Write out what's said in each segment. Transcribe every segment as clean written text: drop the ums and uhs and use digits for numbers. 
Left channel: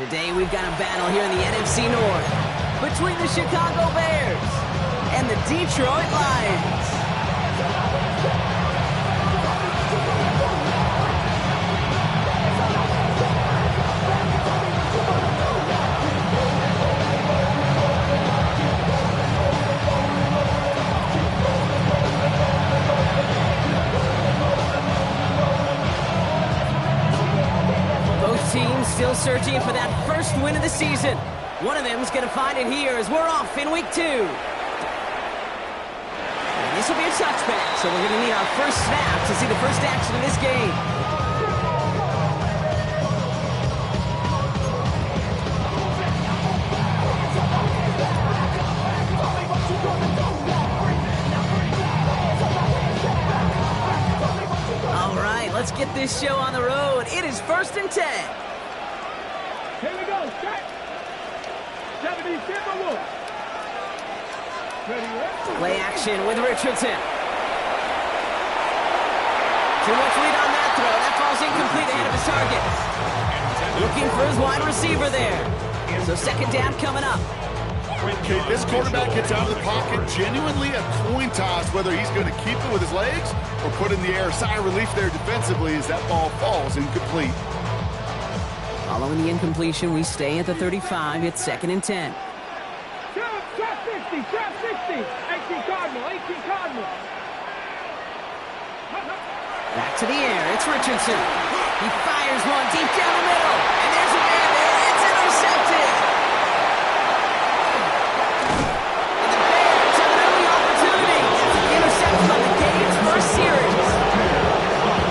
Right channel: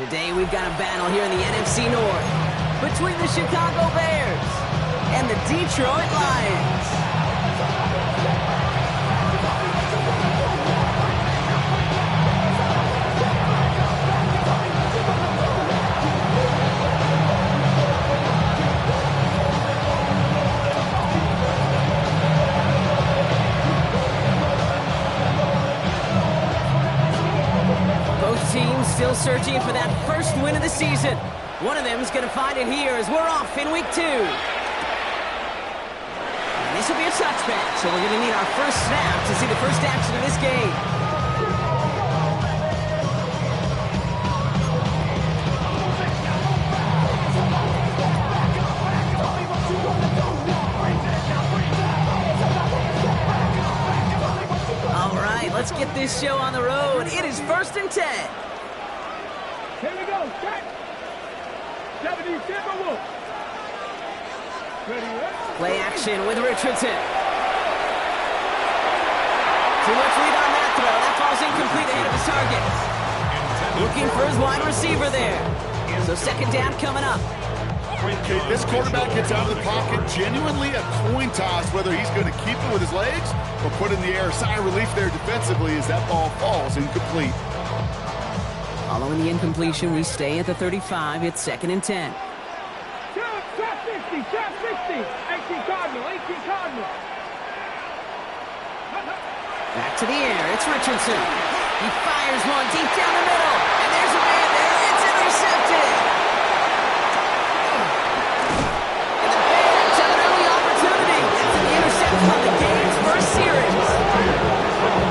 Today we've got a battle here in the NFC North between the Chicago Bears and the Detroit Lions. Both teams still searching for that first win of the season. One of them is going to find it here as we're off in week 2. And this will be a touchback, so we're going to need our first snap to see the first action of this game. All right, let's get this show on the road. It is 1st and 10. Here we go, set. 70 Timberwolves. Ready, Play action with Richardson. Too much lead on that throw. That falls incomplete ahead of his target. Looking for his wide receiver there. So 2nd down coming up. Okay, this quarterback gets out of the pocket, genuinely a coin toss whether he's going to keep it with his legs or put in the air. Sigh of relief there defensively as that ball falls incomplete. Following the incompletion, we stay at the 35. It's 2nd and 10. Trap 60, trap 60. 18 Cardinal, 18 Cardinal. Back to the air. It's Richardson. He fires one deep down the middle. And there's a man there. It's intercepted. And the Bears have an early opportunity after the interception on the game's first series.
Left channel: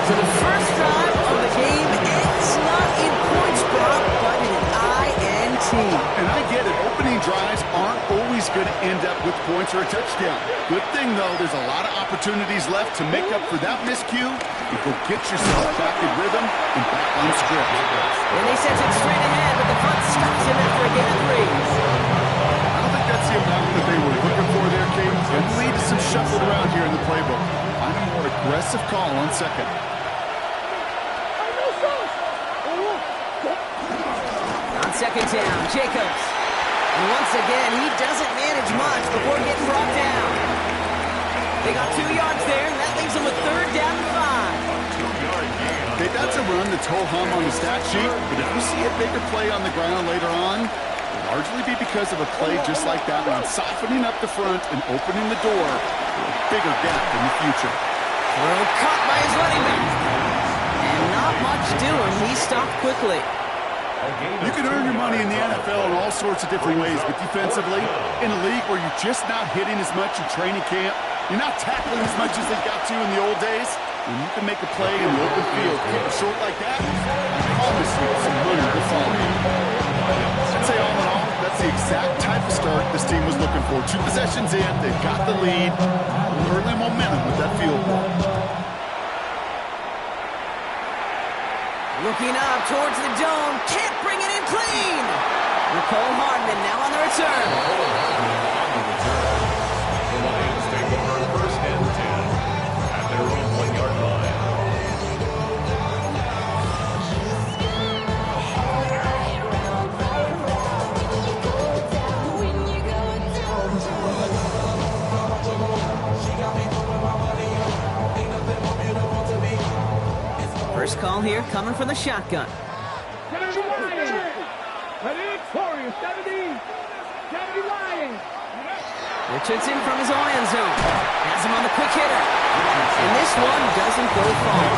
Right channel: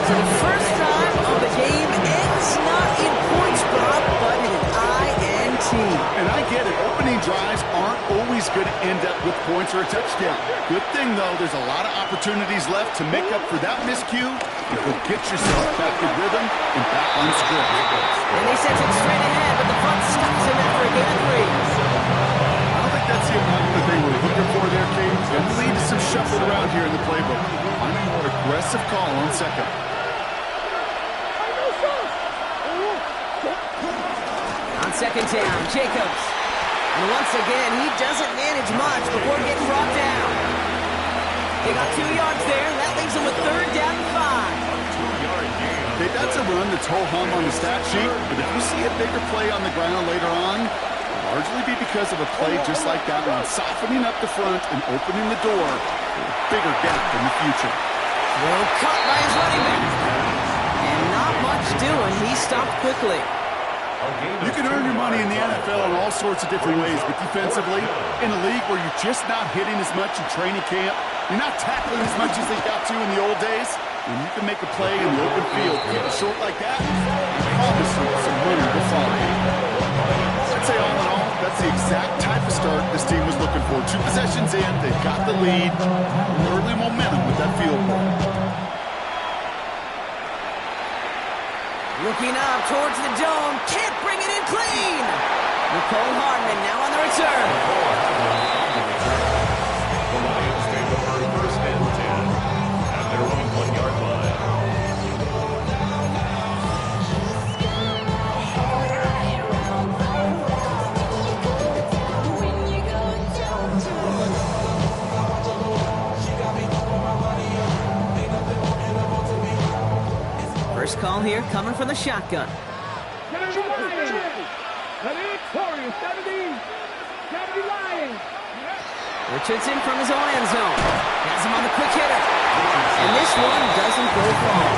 So the first drive of the game ends not in points drop, but in an INT. And I get it. Opening drives aren't always going to end up with points or a touchdown. Good thing, though, there's a lot of opportunities left to make up for that miscue. You go get yourself back in rhythm and back on script. And they sent it straight ahead, but the front stops him after a gain of 3. I don't think that's the amount that they were looking for there, Kate. It'll lead to some shuffling around here in the playbook. Find a more aggressive call on 2nd. On 2nd down, Jacobs. And once again, he doesn't manage much before getting brought down. They got 2 yards there, and that leaves them with 3rd down and 5. Okay, that's a run that's ho-hum on the stat sheet, but if you see a bigger play on the ground later on, it'll largely be because of a play just like that one, softening up the front and opening the door for a bigger gap in the future. Throw caught by his running back. And not much doing. He stopped quickly. You can earn your money in the NFL in all sorts of different ways, but defensively, in a league where you're just not hitting as much in training camp, you're not tackling as much as they got to in the old days, when you can make a play in the open field, keep it short like that, I promise you some money will follow. I'd say all in all, that's the exact type of start this team was looking for. 2 possessions in, they've got the lead, early momentum with that field goal. Looking up towards the dome. Can't bring it in clean. Nicole Hardman now on the return. The Lions take over 1st and 10 at their own 1-yard line. First call here coming from the shotgun. 70 Lions. Ready, Warriors, 70. 70 Lions. Richardson from his own end zone. Has him on the quick hitter. And this one doesn't go far.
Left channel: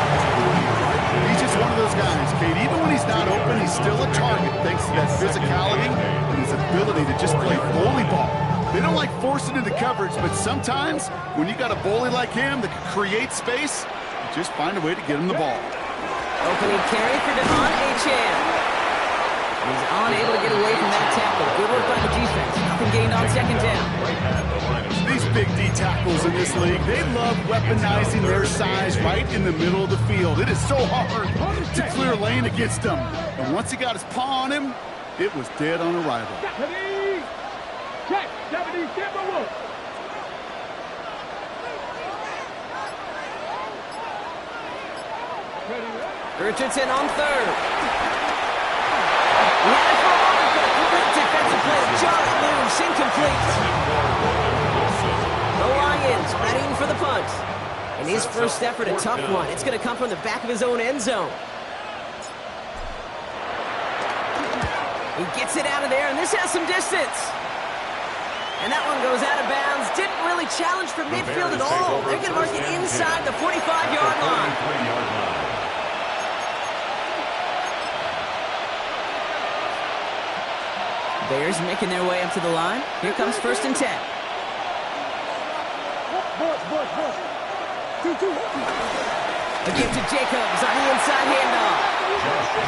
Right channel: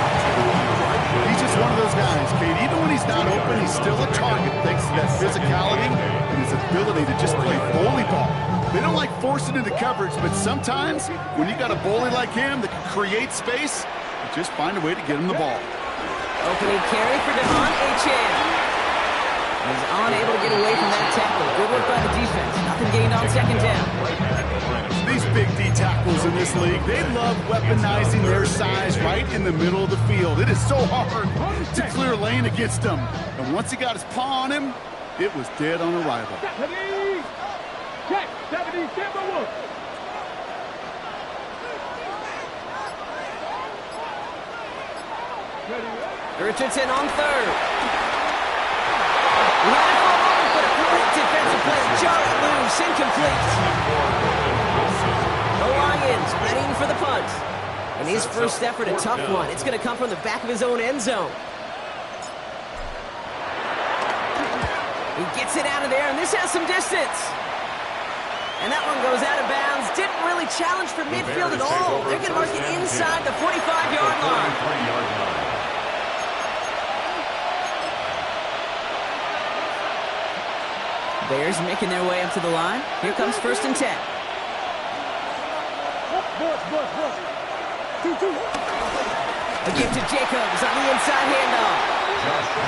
He's just one of those guys, Kate. Even when he's not open, he's still a target thanks to that physicality and his ability to just play bully ball. They don't like forcing into coverage, but sometimes when you got a bully like him that can create space, you just find a way to get him the ball. Opening carry for Devon Achane. He's unable to get away from that tackle. Good work by the defense. Nothing gained on 2nd down. These big D tackles in this league, they love weaponizing their size right in the middle of the field. It is so hard to clear lane against them. And once he got his paw on him, it was dead on arrival. 70. Check, 70 Timberwolves. Richardson on 3rd. He had it for jar it loose, incomplete. The Lions readying for the punt. And his first effort, a tough one. It's going to come from the back of his own end zone. He gets it out of there, and this has some distance. And that one goes out of bounds. Didn't really challenge for midfield at all. They're going to mark it inside the 45-yard line. Bears making their way up to the line. Here comes 1st and 10. A give to Jacobs on the inside handoff.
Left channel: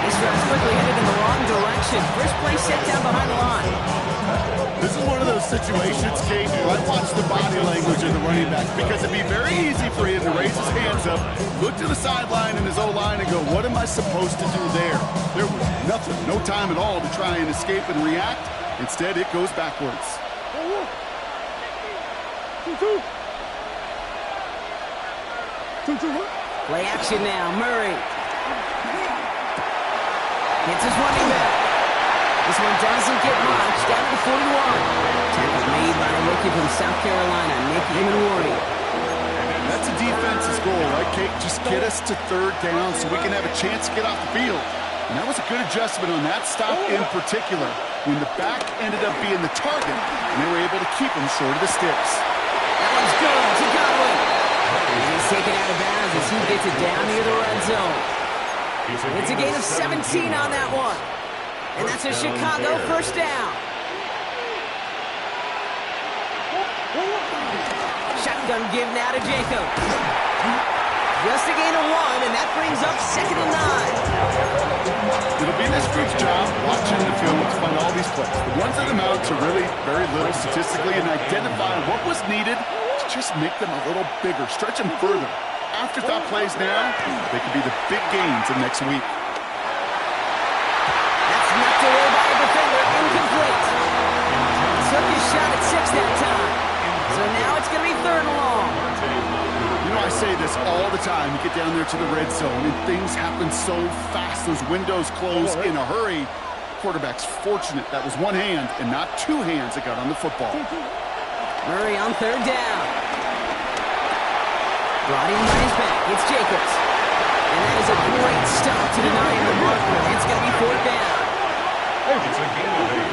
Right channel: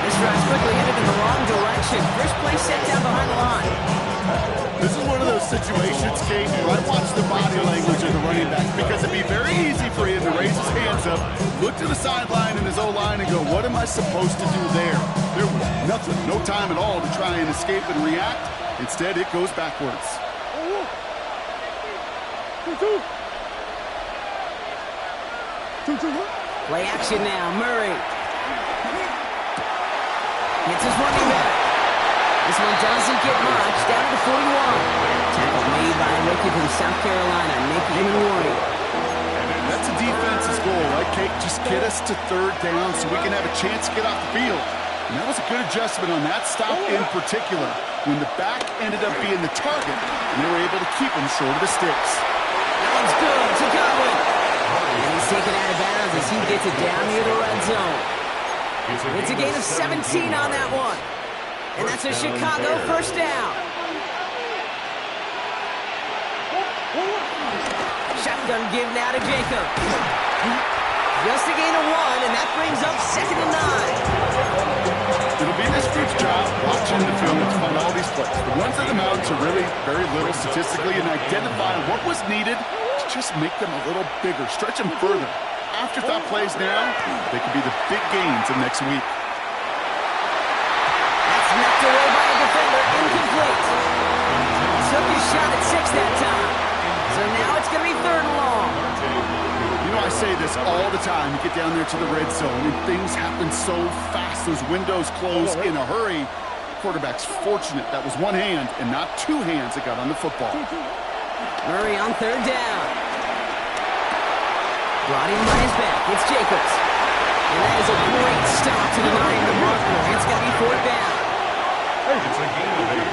This drive's quickly headed in the wrong direction. First play set down behind the line. This is one of those situations, Kate, where I watch the body language of the running back because it'd be very easy for him to raise his hands up, look to the sideline in his O-line and go, what am I supposed to do there? There was nothing, no time at all to try and escape and react. Instead, it goes backwards. Play action now, Murray. Hits his running back. This one doesn't get much, down to the 41. Tackle made by a rookie from South Carolina, Nick Emanwari. That's a defense's goal, right, Kate? Just get us to 3rd down so we can have a chance to get off the field. And that was a good adjustment on that stop in particular, when the back ended up being the target, and they were able to keep him short of the sticks. That one's good to Godwin. And he's taken out of bounds as he gets it down near the red zone. It's a gain of 17 on that one. And that's a Chicago 1st down. Shotgun give now to Jacob. Just a gain of 1, and that brings up 2nd and 9. It'll be this group's job watching the film to find all these plays. The ones that amount to really very little statistically and identify what was needed to just make them a little bigger, stretch them further. Afterthought plays now, they could be the big gains of next week. That's knocked away by a defender, incomplete. Took his shot at 6 that time. So now it's going to be 3rd and long. You know, I say this all the time. You get down there to the red zone, and things happen so fast. Those windows close in a hurry. Quarterback's fortunate that was one hand and not 2 hands that got on the football. Murray on 3rd down. Brought in by his back. It's Jacobs. And that is a great stop to deny him the marker. It's going to be 4th down. It's a gain of 8,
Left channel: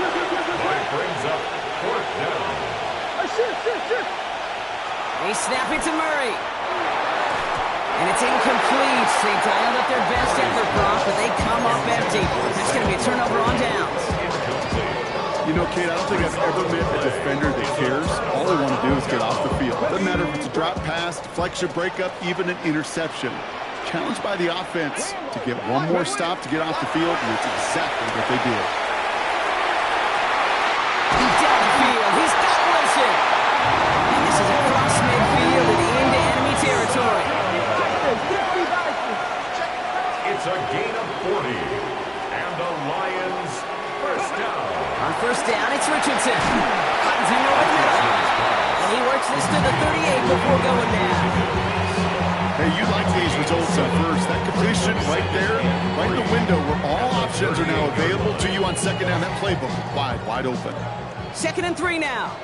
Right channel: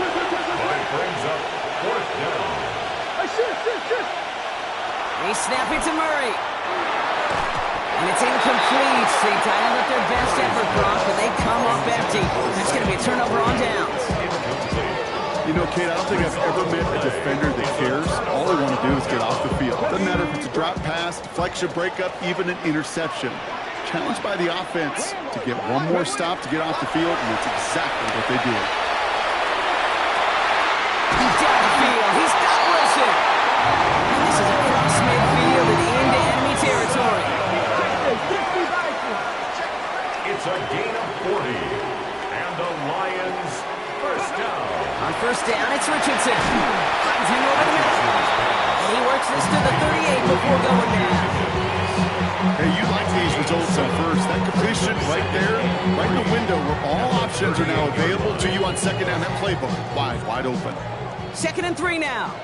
but it brings up 4th down. They snap it to Murray. And it's incomplete. They dialed up their best effort, Brock, but they come up empty. That's going to be a turnover on downs. You know, Kate, I don't think I've ever met a defender that cares. All they want to do is get off the field. Doesn't matter if it's a drop pass, deflection, breakup, even an interception. Challenged by the offense to get one more stop to get off the field, and that's exactly what they did. He's down the field. He's got Wilson. And this is across midfield and into enemy territory. It's a gain of 40. And the Lions 1st down. On 1st down, it's Richardson. Finds him over the middle. And he works this to the 38 before going down. Hey, you like these results at first. That completion right there, right in the window where all options are now available to you on 2nd down. That playbook wide open. 2nd and 3 now.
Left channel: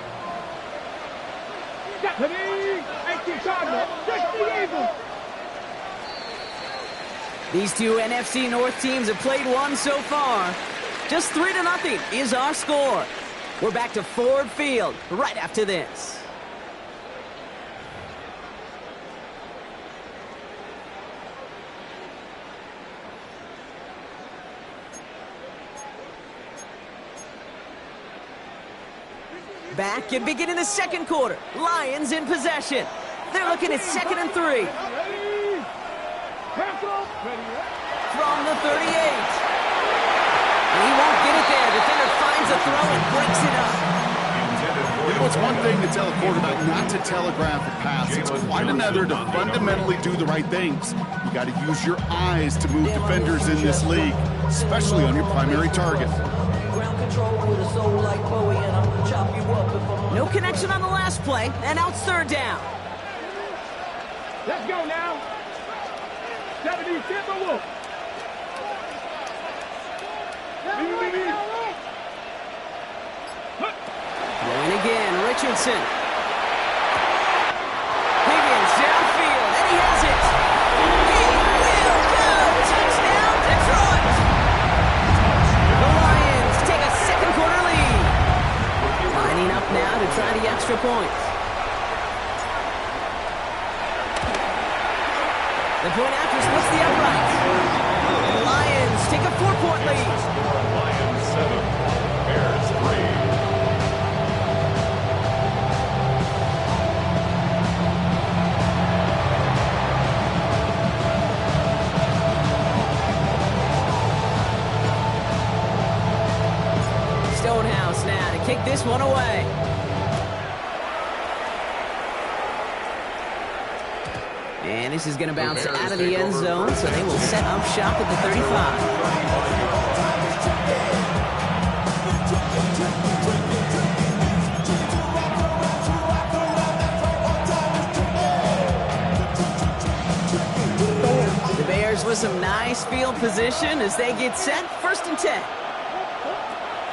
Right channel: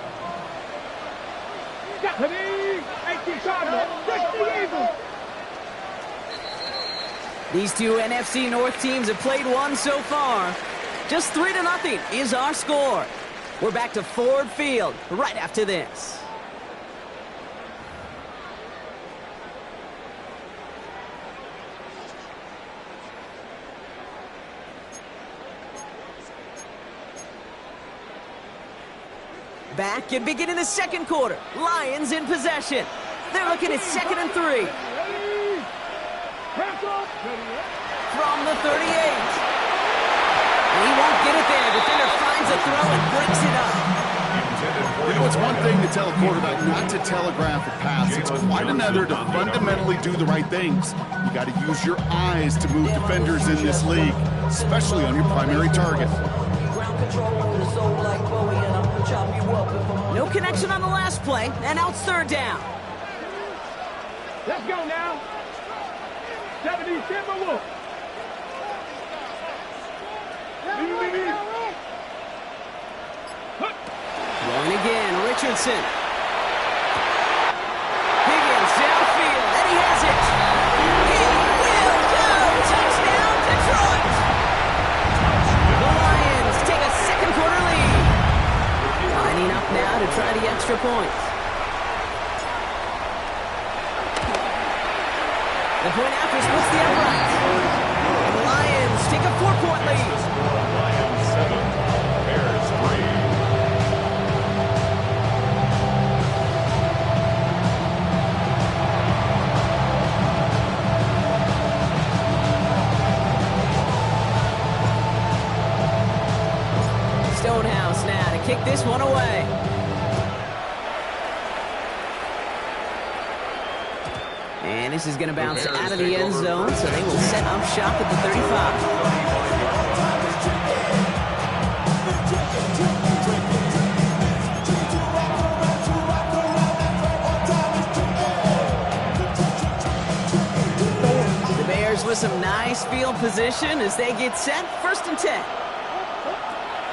These two NFC North teams have played one so far. Just 3-0 is our score. We're back to Ford Field right after this. Back and beginning the 2nd quarter. Lions in possession. They're looking at 2nd and 3. From the 38. And he won't get it there. Defender finds a throw and breaks it up. You know, it's one thing to tell a quarterback not to telegraph a pass. It's quite another to fundamentally do the right things. You got to use your eyes to move defenders in this league, especially on your primary target. No connection on the last play, and now it's 3rd down. Let's go now. 70 Timberwolves. Leave. Hook. Richardson. Higgins downfield, and he has it. He will go. Touchdown, Detroit. The Lions take a second quarter lead. Lining up now to try the extra point. The point after splits the upright. The Lions take a 4-point lead. Score Lions 7, Bears 3. Stonehouse now to kick this one away. And this is going to bounce out of the end zone, so they will set up shop at the 35. The Bears with some nice field position as they get set. 1st and 10.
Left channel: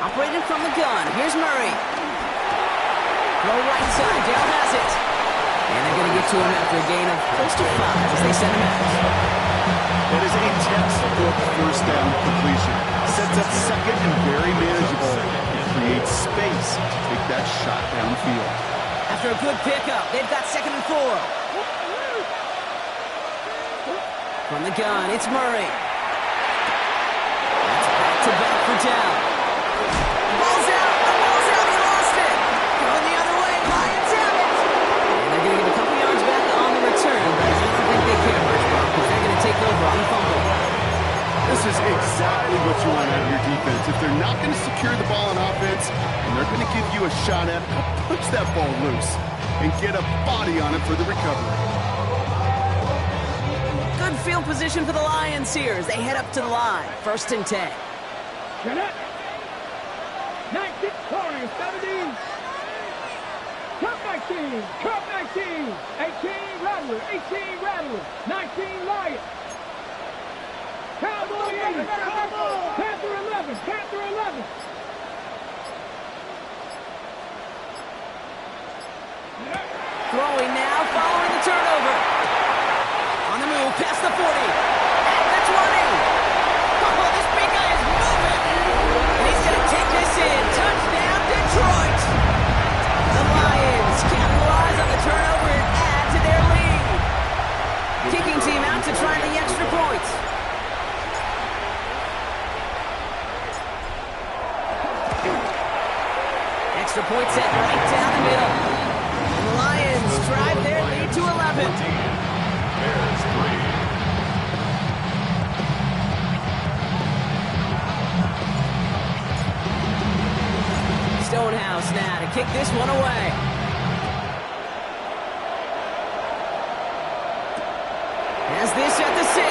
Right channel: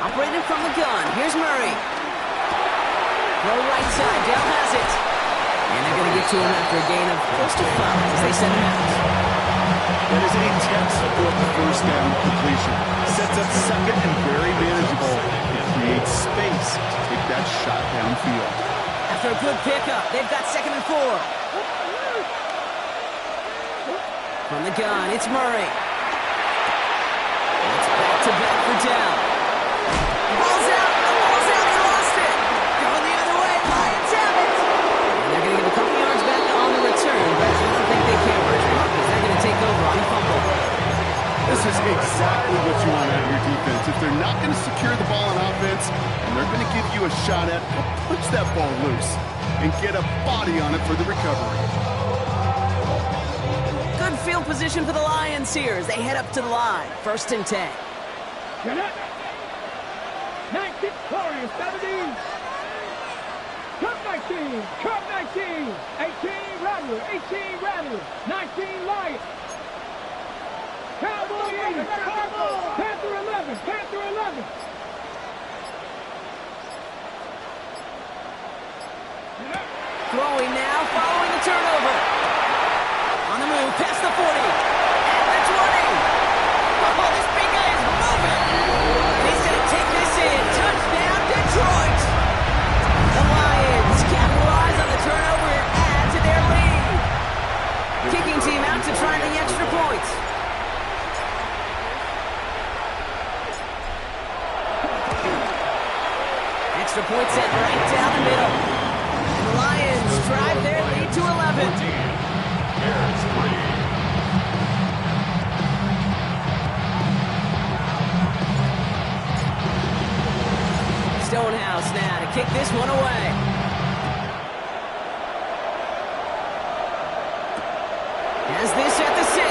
Operating from the gun. Here's Murray. Throw right side. Dell has it. And they're going to get to him after a gain of close to 5 as they send him out. That is a textbook first down completion. Sets up second and very manageable. It creates space to take that shot downfield. After a good pickup, they've got 2nd and 4. From the gun, it's Murray. That's back-to-back for Dell. Ball's out. The ball's out. He lost it. Going the other way. Lions have it. And they're going to give a couple yards back on the return, but I don't think they care much, Bob, because they're going to take over on the fumble. This is exactly what you want out of your defense. If they're not going to secure the ball on offense, and they're going to give you a shot at, punch that ball loose and get a body on it for the recovery. Good field position for the Lions here as they head up to the line. 1st and 10. Get up. 19, 20, 17. Cup 19, Cup 19. 18, Rattler, 18, Rattler. 19, Lions. Cowboy 80, Panther 11, Panther 11. Throwing now, following the turnover. On the move, past the 40. At the 20. Oh, this big guy is moving. And he's going to take this in. Touchdown, Detroit. The Lions capitalize on the turnover and add to their lead. Kicking team out to try the extra point. Extra point set right down the middle. And the Lions drive their lead to 11. 14, Bears 3. Stonehouse now to kick this one away. Has this at the 6.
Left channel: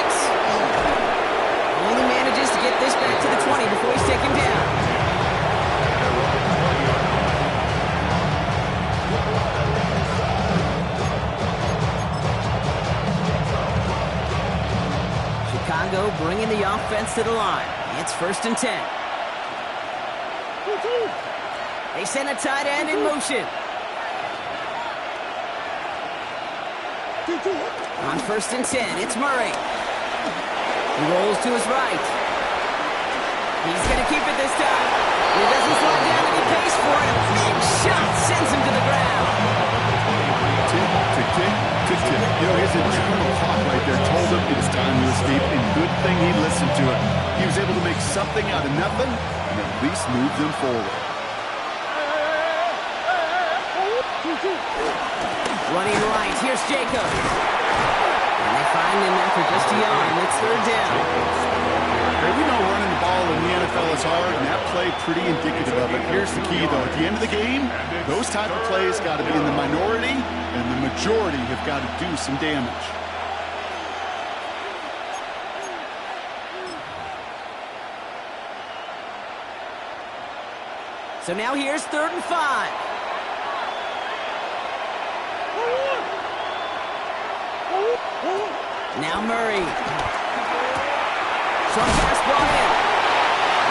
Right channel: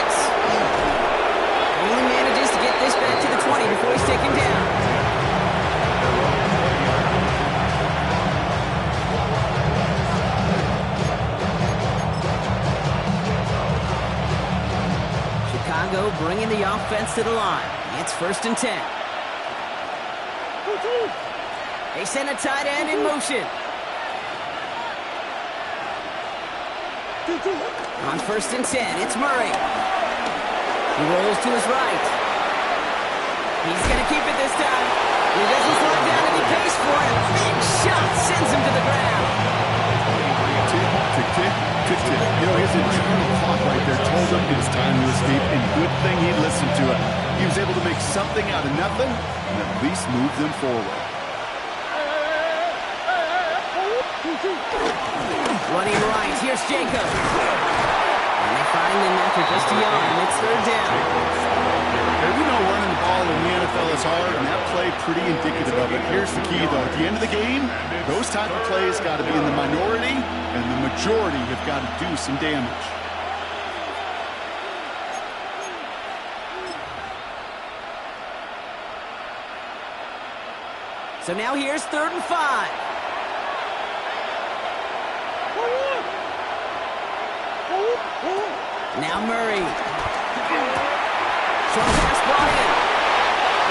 Only manages to get this back to the 20 before he's taken down. Chicago bringing the offense to the line. It's 1st and 10. They send a tight end in motion. On 1st and 10, it's Murray. He rolls to his right. He's going to keep it this time. He doesn't slide down and he pays for it. A big shot sends him to the ground. Tick, tick, tick, tick, tick. You know, his internal clock right there told him it was time to escape, and good thing he listened to it. He was able to make something out of nothing and at least move them forward. Running right, here's Jacob. And they find him after just a yard. It's 3rd down. Hey, we know running the ball in the NFL is hard, and that play pretty indicative of it. Here's the key, though. At the end of the game, those type of plays got to be in the minority, and the majority have got to do some damage. So now here's 3rd and 5. Now Murray. Strong pass brought in.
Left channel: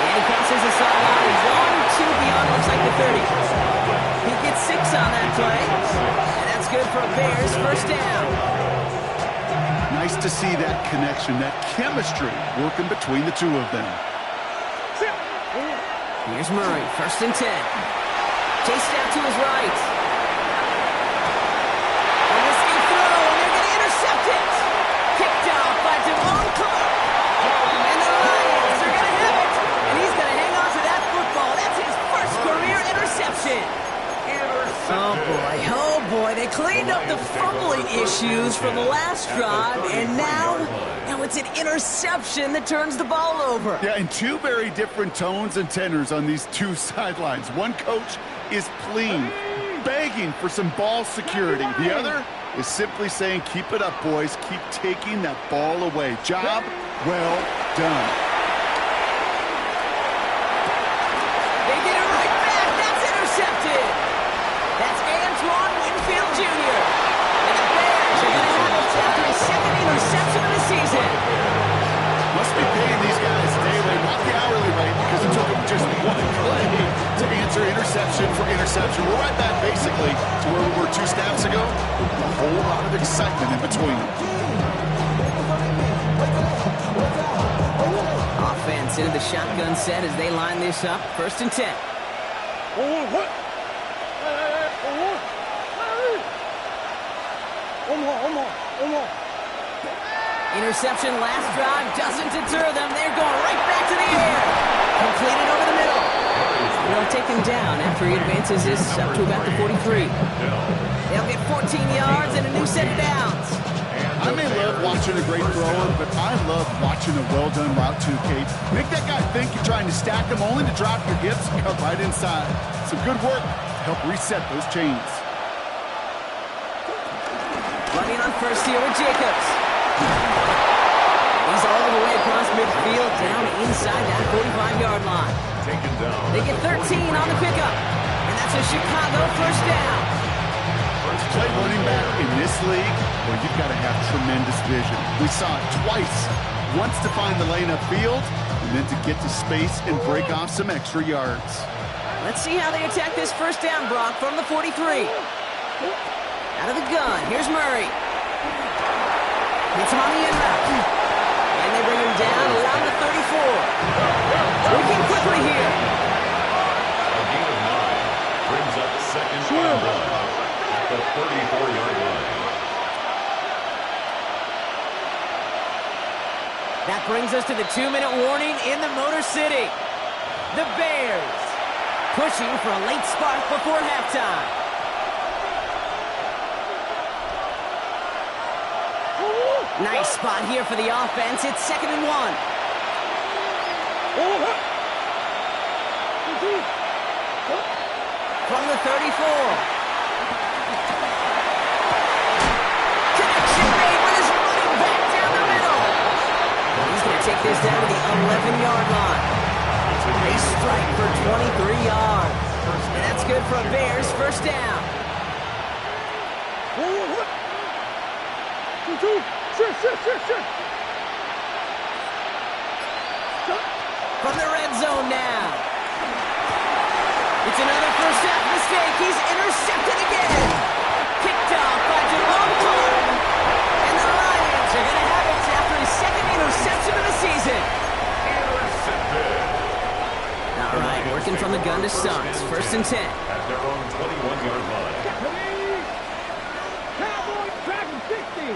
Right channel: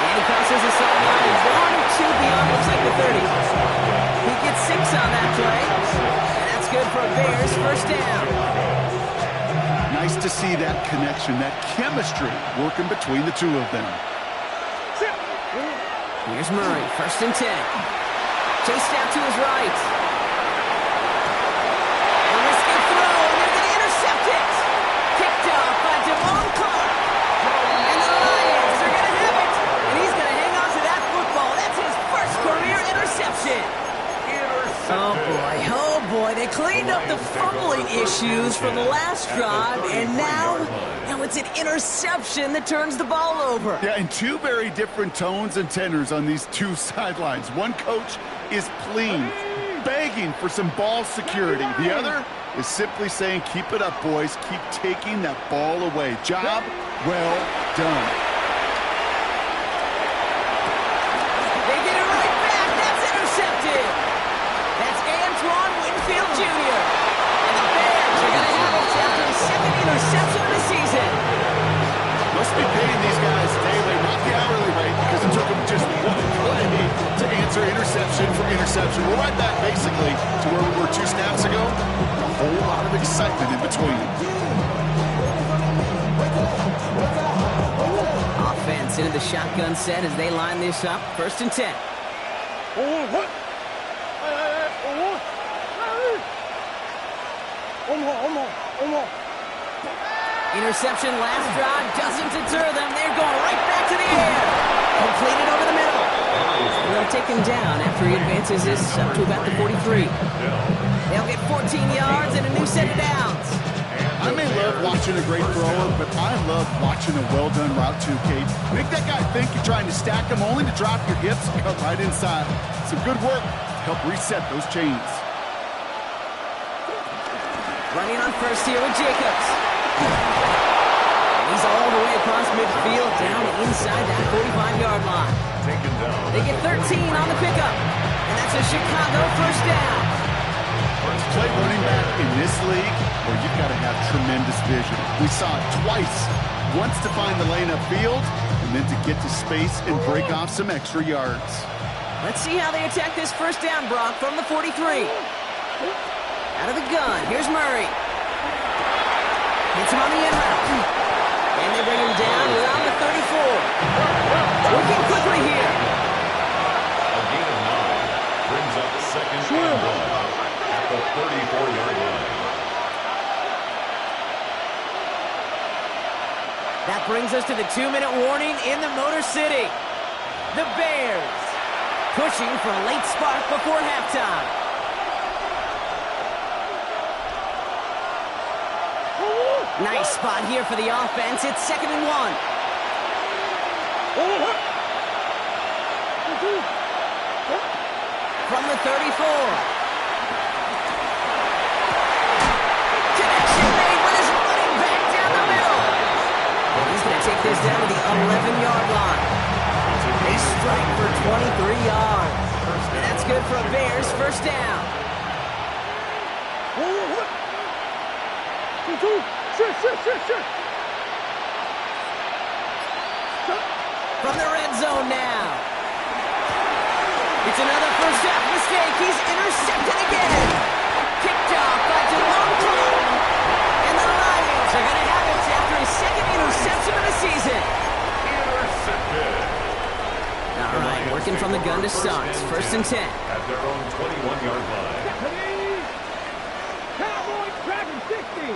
And he crosses the sideline. 1 or 2 beyond, looks like the 30. He gets 6 on that play. And that's good for a Bears first down. Nice to see that connection, that chemistry working between the two of them. Here's Murray, 1st and 10. Chased out to his right. A risky throw, and they're going to intercept it. Picked off by Devon Clark. And the Lions are going to have it. And he's going to hang on to that football. That's his first career interception. Oh boy, they cleaned up the fumbling issues from the last drive, and now it's an interception that turns the ball over. Yeah, and 2 very different tones and tenors on these 2 sidelines. One coach is pleading, begging for some ball security. The other is simply saying, keep it up, boys. Keep taking that ball away. Job well done. They get it right back. That's intercepted. That's Antoine Winfield Jr. And the Bears are going to have it after his 2nd interception of the season. Must be paying these guys day rate, not the hourly rate, because it took them just 1 play to answer interception for interception. We're right back, basically, to where we were 2 snaps ago. A whole lot of excitement in between. Offense into the shotgun set as they line this up. 1st and 10. Interception last drive doesn't deter them. They're going right back to the air. Completed over the middle. They'll take him down after he advances this up to about the 43. They'll get 14 yards and a new set of downs. I may love watching a great thrower, but I love watching a well-done route too, Kate. Make that guy think you're trying to stack him only to drop your hips and cut right inside. Some good work to help reset those chains. Running on first here with Jacobs. And he's all the way across midfield down inside that 45-yard line. Taken down. They get 13 on the pickup. And that's a Chicago first down. Play running back in this league where you've got to have tremendous vision. We saw it twice. Once to find the lane upfield, and then to get to space and break off some extra yards. Let's see how they attack this first down, Brock, from the 43. Out of the gun, here's Murray. Hits him on the end route. And they bring him down around the 34. Working quickly here. A gain of 9 brings up 2nd and 1 at the 34-yard line. That brings us to the 2-minute warning in the Motor City. The Bears pushing for a late spark before halftime. Nice spot here for the offense. It's 2nd and 1. From the 34. Connection made with his running back down the middle. He's going to take this down to the 11-yard line. They strike for 23 yards. And that's good for a Bears first down. From the red zone now. It's another first half mistake. He's intercepted again. Picked off by Devon Clark. And the Lions are going to have it after his 2nd interception of the season. Intercepted. All right, working from the gun to start. 1st and 10. At their own 21-yard line. Cowboys tracking 60.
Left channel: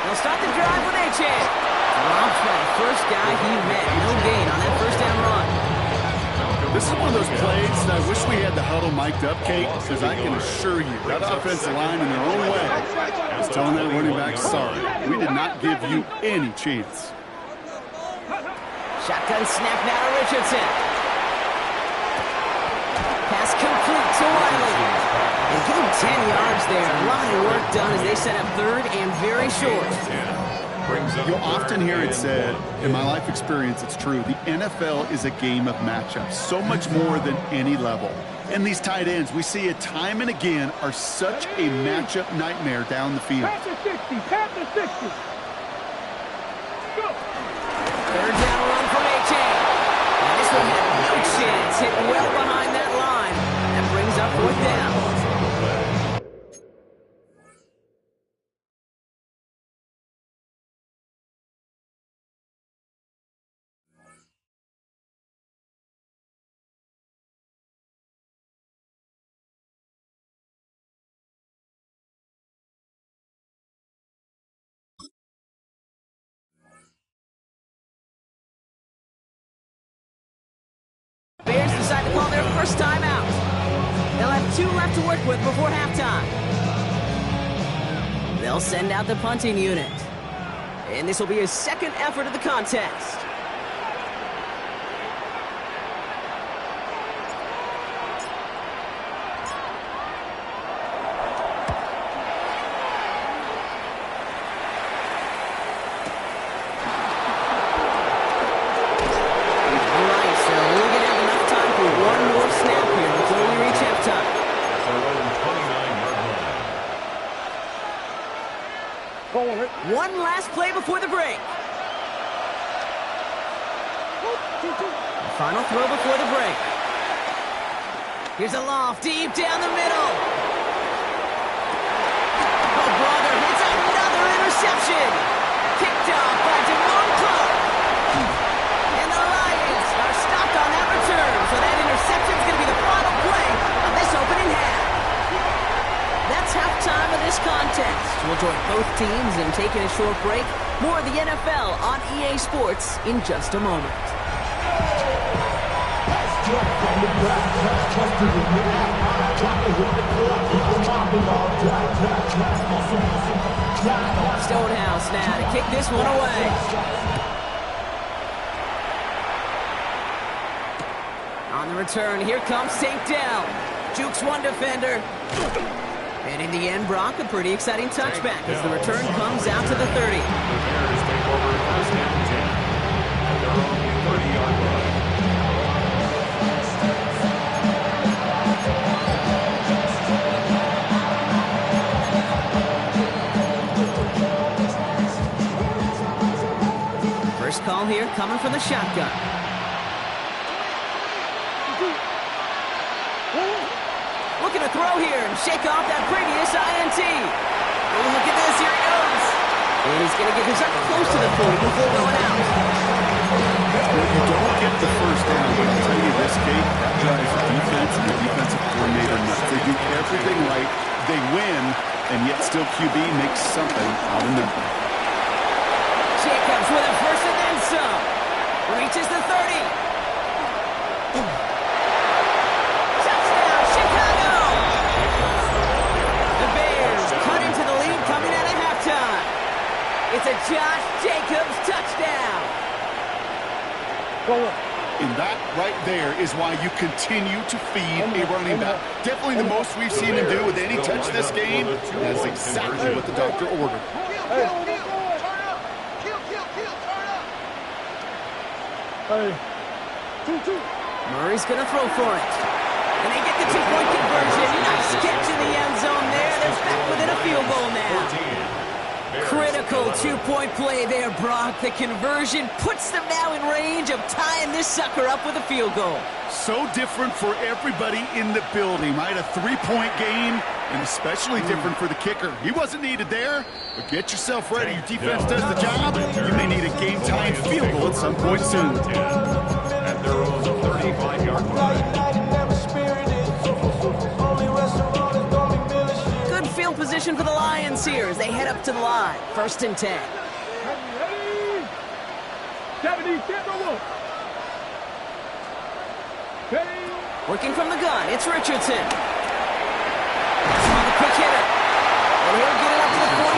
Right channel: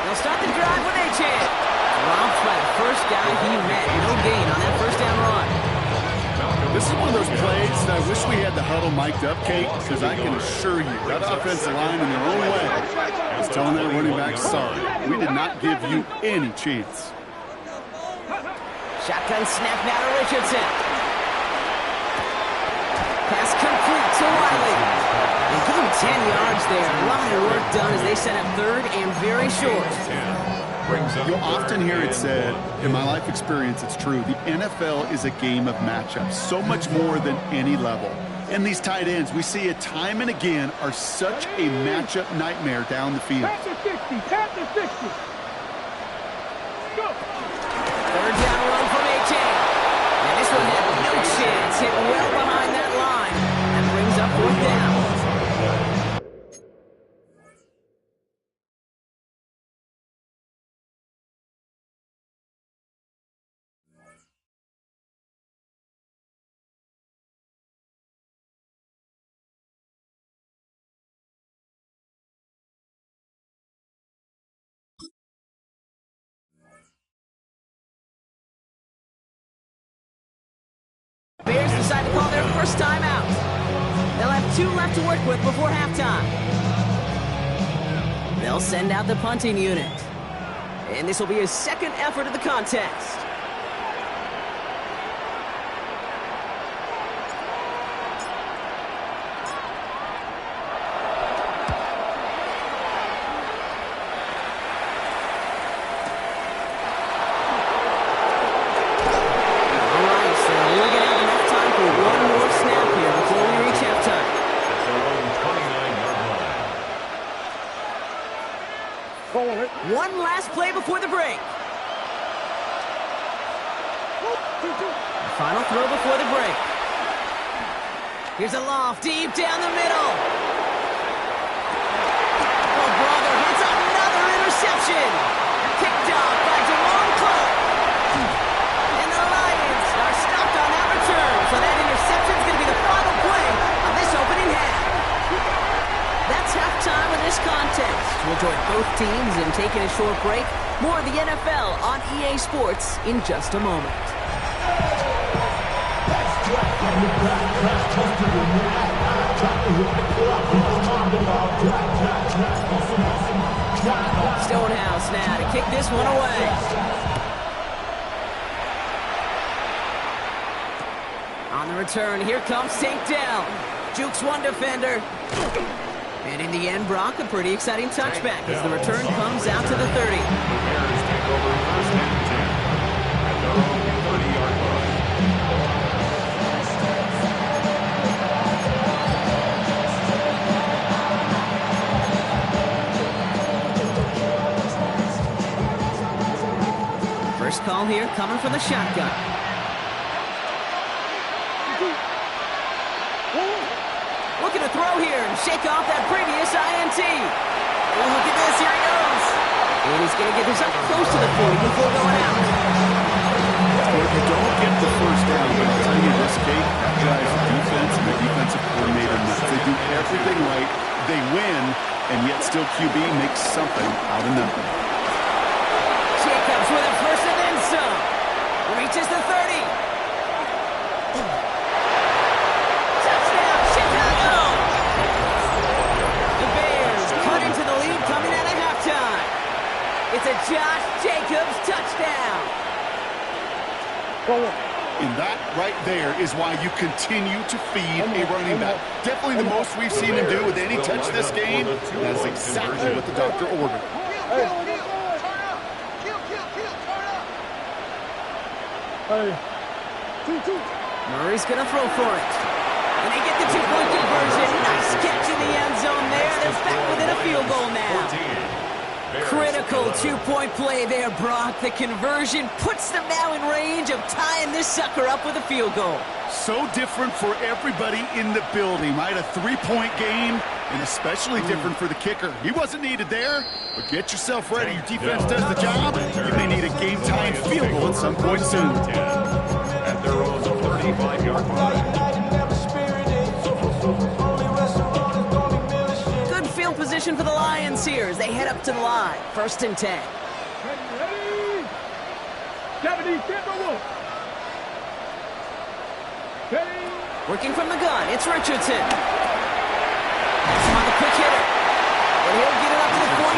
They'll start the drive with Achane. Dropped by the first guy he met. No gain on that first down run. This is one of those plays that I wish we had the huddle mic'd up, Kate, because I can assure you that offensive line in their own way is telling that running back, sorry, we did not give you any chance. Shotgun snap now to Richardson. Pass complete to Wiley. And give him 10 yards there. A lot of work done as they set up 3rd and very short. You'll often hear it said, in my life experience, it's true, the NFL is a game of matchups, so much more than any level. And these tight ends, we see it time and again, are such a matchup nightmare down the field. Pat to 60, pat to 60. Go. Third down run from Achane. And this one had no chance. Hit well behind that line. That brings up fourth down. Bears decide to call their first time out. They'll have 2 left to work with before halftime. They'll send out the punting unit. And this will be his second effort of the contest. One more snap here before we reach halftime. At their own 29-yard line. One last play before the break. Final throw before the break. Here's a loft deep down the middle. Oh, brother, it's another interception. Picked off by Damone Clark. And the Lions are stopped on that return, so that interception is going to be the final play of this opening half. That's halftime of this contest. We'll join both teams in taking a short break. More of the NFL on EA Sports in just a moment. Stonehouse now to kick this one away. On the return, here comes Tank Dell. Jukes one defender. And in the end, Brock, a pretty exciting touchback as the return comes out to the 30. The Bears take over first and 10 at their own 30-yard line. First call here coming from the shotgun. Looking to throw here and shake off that previous INT. Oh, look at this. Here he goes. And he's going to get this up close to the 40 before going out. Well, you don't get the first down, but I'll tell you this, Kate, that drives the defense and the defensive coordinator nuts. They do everything right. They win, and yet still QB makes something out of nothing. Jacobs with a first and then some. Reaches the 30. Touchdown, Chicago! The Bears cut into the lead coming out of halftime. It's a Josh Jacobs touchdown. And that right there is why you continue to feed a running back. Definitely the most we've seen him do with any touch this game. That's exactly what the doctor ordered. Murray's going to throw for it. And they get the two-point conversion. Nice catch in the end zone there. They're back within a field goal now. Critical two-point play there, Brock. The conversion puts them now in range of tying this sucker up with a field goal. So different for everybody in the building, right? A three-point game, and especially different for the kicker. He wasn't needed there, but get yourself ready. Your defense does the job. You may need a game-tying field goal at some point soon. At their own 35-yard line. Good field position for the Lions here as they head up to the line. First and 10. Ready? 70, get the wolf. Ready? Working from the gun, it's Richardson. On the quick hitter. And he'll get it up to the 44.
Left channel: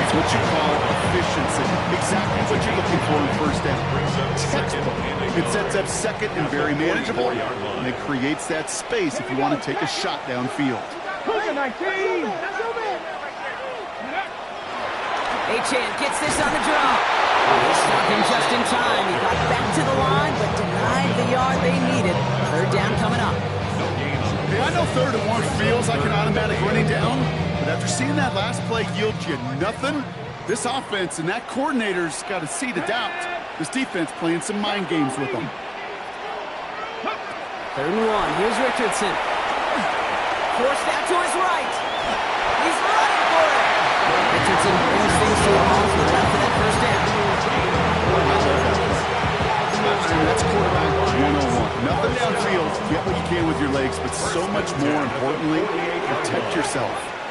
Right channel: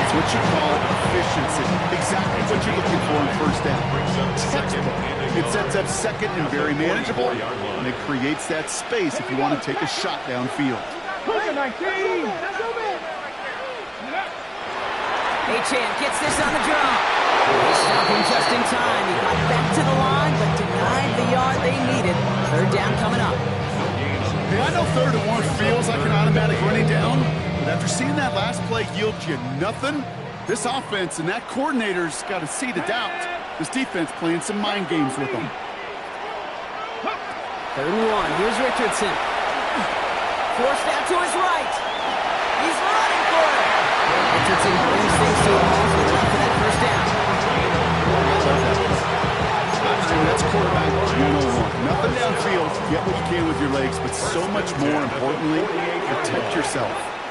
It's what you call efficiency. Exactly what you're looking for in first down. Textbook. It sets up second and very manageable, and it creates that space if you want to take a shot downfield. Achane gets this on the draw. They stop him just in time. He got back to the line, but denied the yard they needed. Third down coming up. Hey, I know 3rd and 1 feels like an automatic running down, but after seeing that last play yield you nothing, This offense and that coordinator's got a seed of doubt. This defense playing some mind games with them. 3rd and 1. Here's Richardson. Forced out to his right. He's running for it. Richardson brings things to a halt with enough for that first down. That's quarterback 101. Nothing downfield. Get what you can with your legs, but so much more importantly, protect yourself.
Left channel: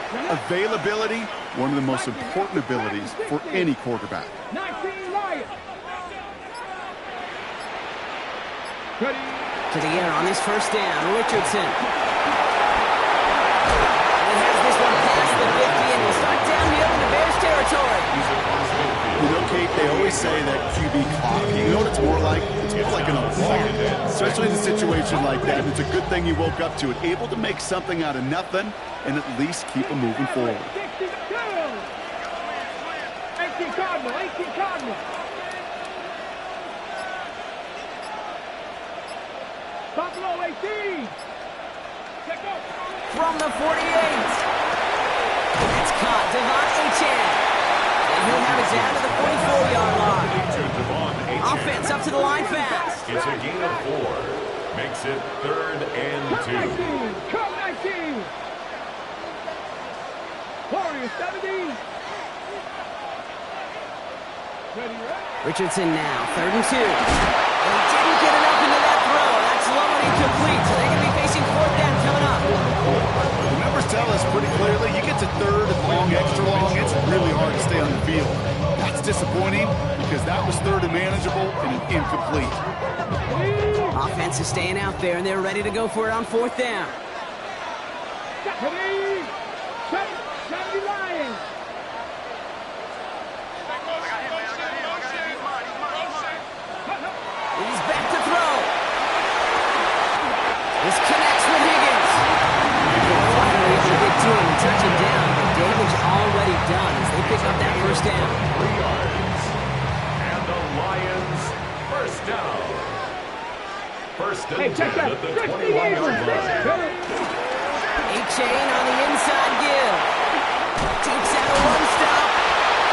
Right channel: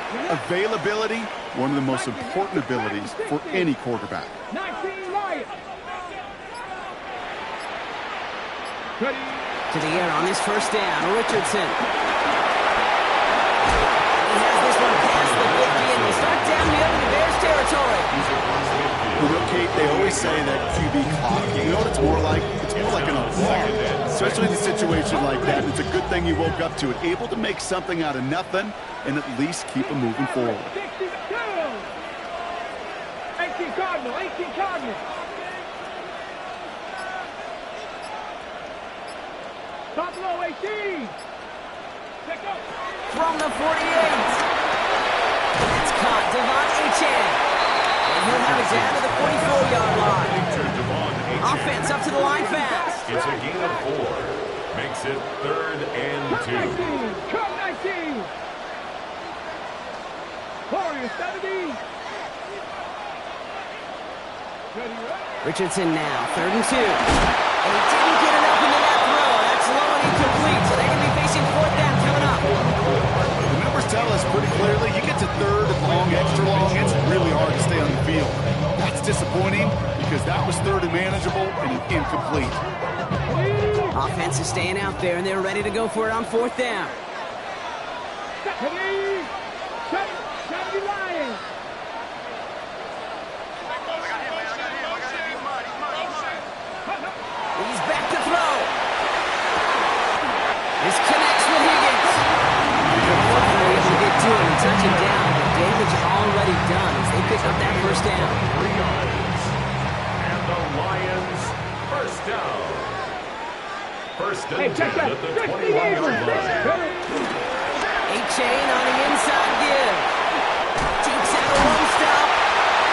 Availability, one of the most important abilities for any quarterback. 19 Lions. Ready. To the air on this first down. Richardson. He has this one past the 50 and will start downhill into Bears territory. You know, Kate, they always say that QB clock. You know what it's more like? It's more like an alarm, especially in a situation like that. It's a good thing you woke up to it, able to make something out of nothing and at least keep them moving forward. 62. 18 Cardinal. 18 Cardinal. Buffalo 18. Check out. From the 48. That's caught. Devon Achane. And he'll have it down to the 44-yard line. Offense up to the line fast. It's a gain of 4. Makes it 3rd and 2. 19. Come 19. Warriors 70. Ready, ready. Richardson now, 3rd and 2. And he didn't get enough into that throw. That's low and incomplete, so they're going to be facing 4th down coming up. The numbers tell us pretty clearly, you get to 3rd and long, extra long, it's really hard to stay on the field. That's disappointing because that was 3rd and manageable and incomplete. Offense is staying out there, and they're ready to go for it on 4th down. 70 Lions. He's back to throw. This connects with Higgins. Finally able to get to him and touch him down, but damage already done as they pick up that first down. 3 yards. And the Lions first down. First and 10 at the 21-yard line. Achane on the inside give. Takes out a one-stop.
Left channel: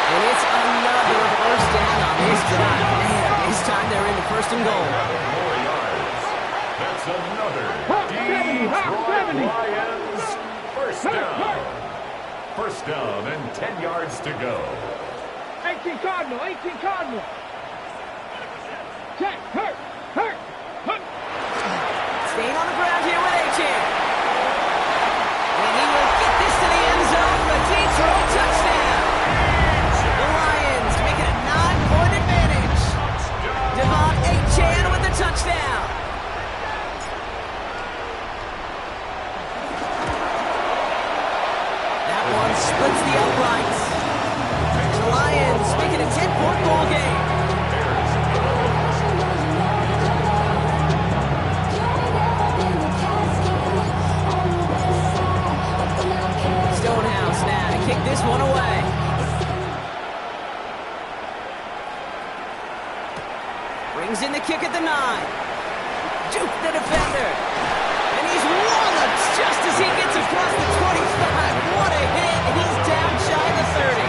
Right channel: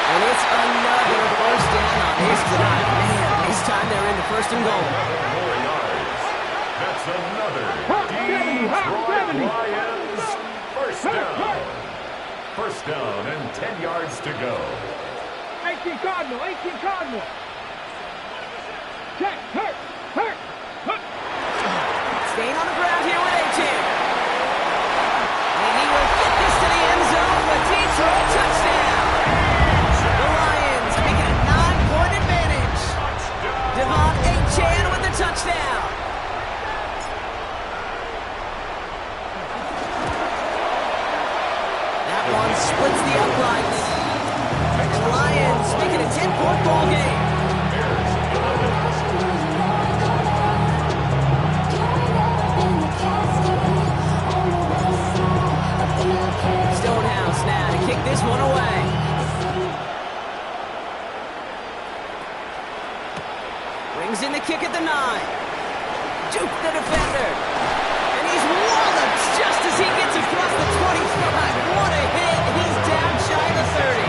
And it's another first down on this drive. Man, this time they're into 1st and goal. 4 yards. That's another Detroit Lions first down. First down and 10 yards to go. 18 Cardinal. 18 Cardinal. Check. Hurt. Staying on the ground here with Achane. And he will get this to the end zone for a Detroit touchdown. The Lions make it a 9-point advantage. Devon Achane with the touchdown. That one splits the uprights. And the Lions make it a 10-point ball game. Stonehouse now to kick this one away. Brings in the kick at the 9. Duke the defender. And he's walloped just as he gets across the 25. What a hit. He's down shy of the 30.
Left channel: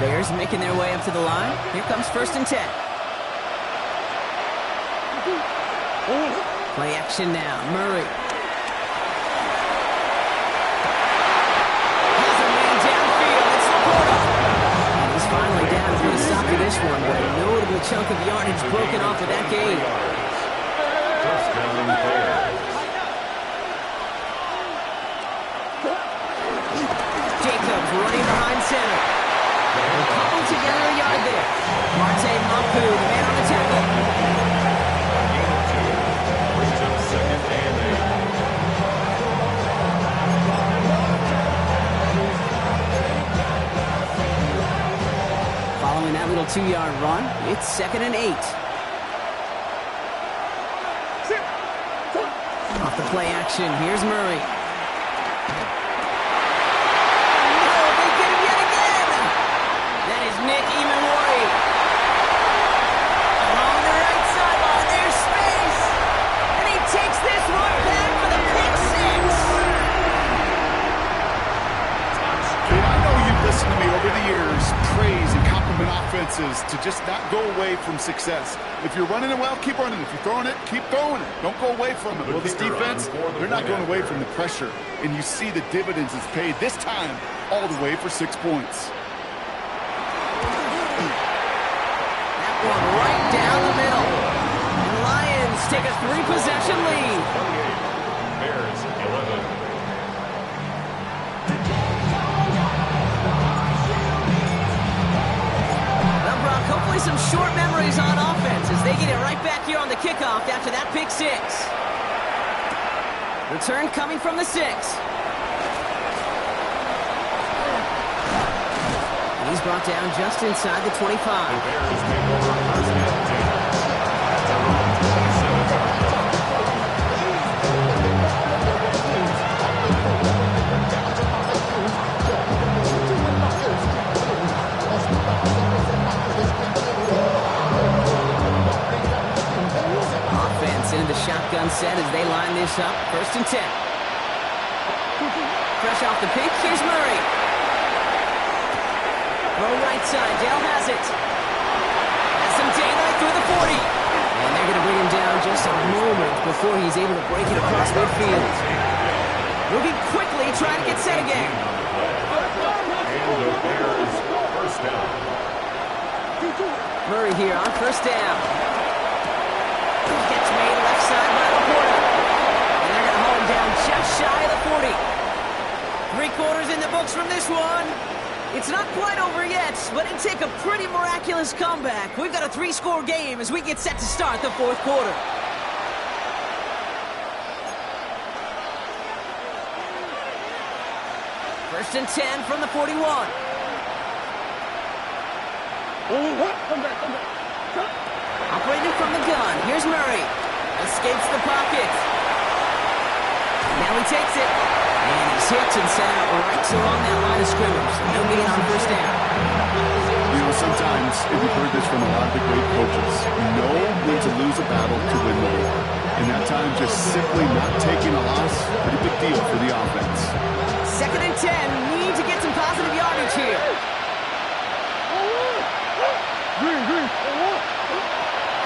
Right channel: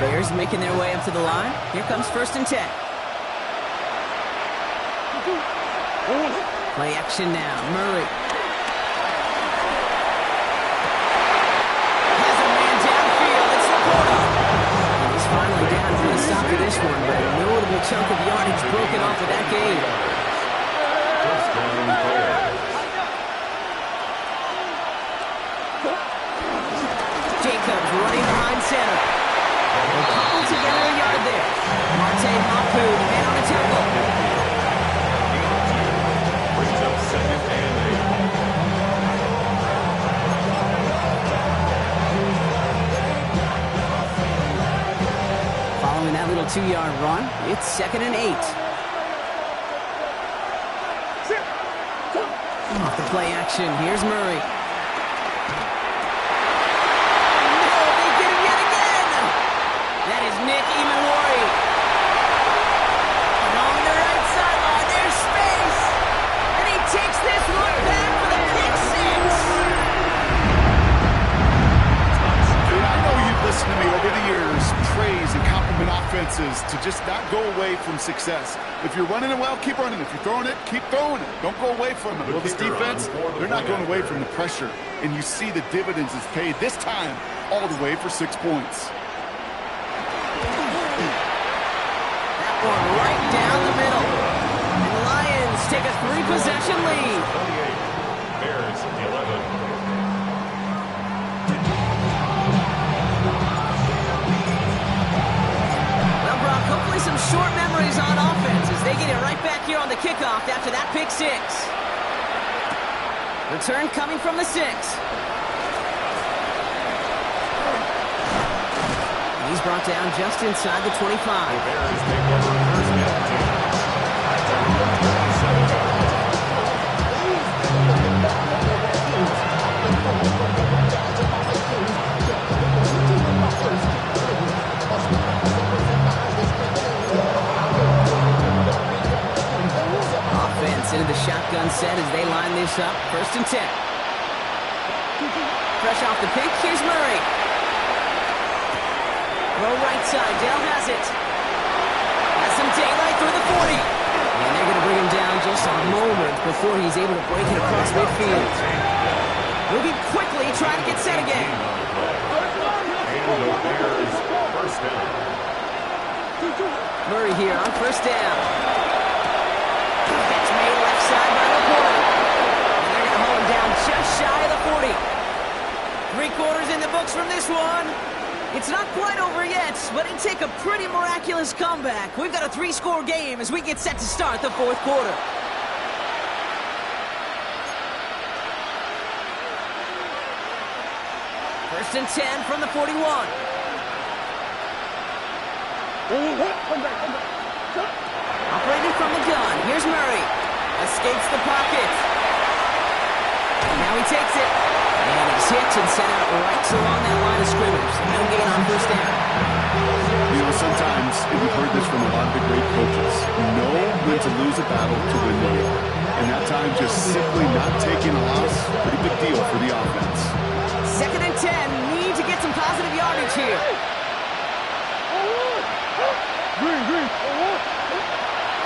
Bears making their way up to the line. Here comes 1st and 10. Play action now. Murray. Has a man downfield. It's Laporta. And he's finally down to put a stop to this one, but a notable chunk of yardage broken off of that game. Touchdown Bears. Jacobs running behind center. They'll couple together a yard there. Marte Mapu, the man on the tackle. Gain of 2. Brings up 2nd and 8. Following that little 2-yard run, it's 2nd and 8. Off the play action, here's Murray. That is Nick Emmanwori. over the years, praise and compliment offenses to just not go away from success. If you're running it well, keep running. If you're throwing it, keep throwing it. Don't go away from it. Well, this defense, they're not going away from the pressure. And you see the dividends it's paid this time all the way for 6 points. That one right down the middle. And the Lions take a 3-possession lead. 28, Bears 11. Brock, hopefully some short memories on offense as they get it right back here on the kickoff after that pick 6. Return coming from the 6. He's brought down just inside the 25. The Bears take over first and 10. At their own 27-yard line. Offense into the shotgun set as they line this up. First and 10. Fresh off the pick, here's Murray. Throw right side, Dale has it. Has some daylight through the 40. And they're going to bring him down just a moment before he's able to break it across midfield. Moving quickly, trying to get set again. And the Bears first down. Murray here on first down. Catch made left side by Laporta. And they're going to haul him down just shy of the 40. 3 quarters in the books from this one. It's not quite over yet, but it'd take a pretty miraculous comeback. We've got a 3-score game as we get set to start the 4th quarter. First and 10 from the 41. Operating from the gun. Here's Murray. Escapes the pocket. Now he takes it. And he's hit and sent out right along that line of scrimmage. So no gain on first down. You know, sometimes, and we've heard this from a lot of the great coaches, know when to lose a battle to win the war. And that time, just simply not taking a loss, pretty big deal for the offense. Second and 10. Need to get some positive yardage here.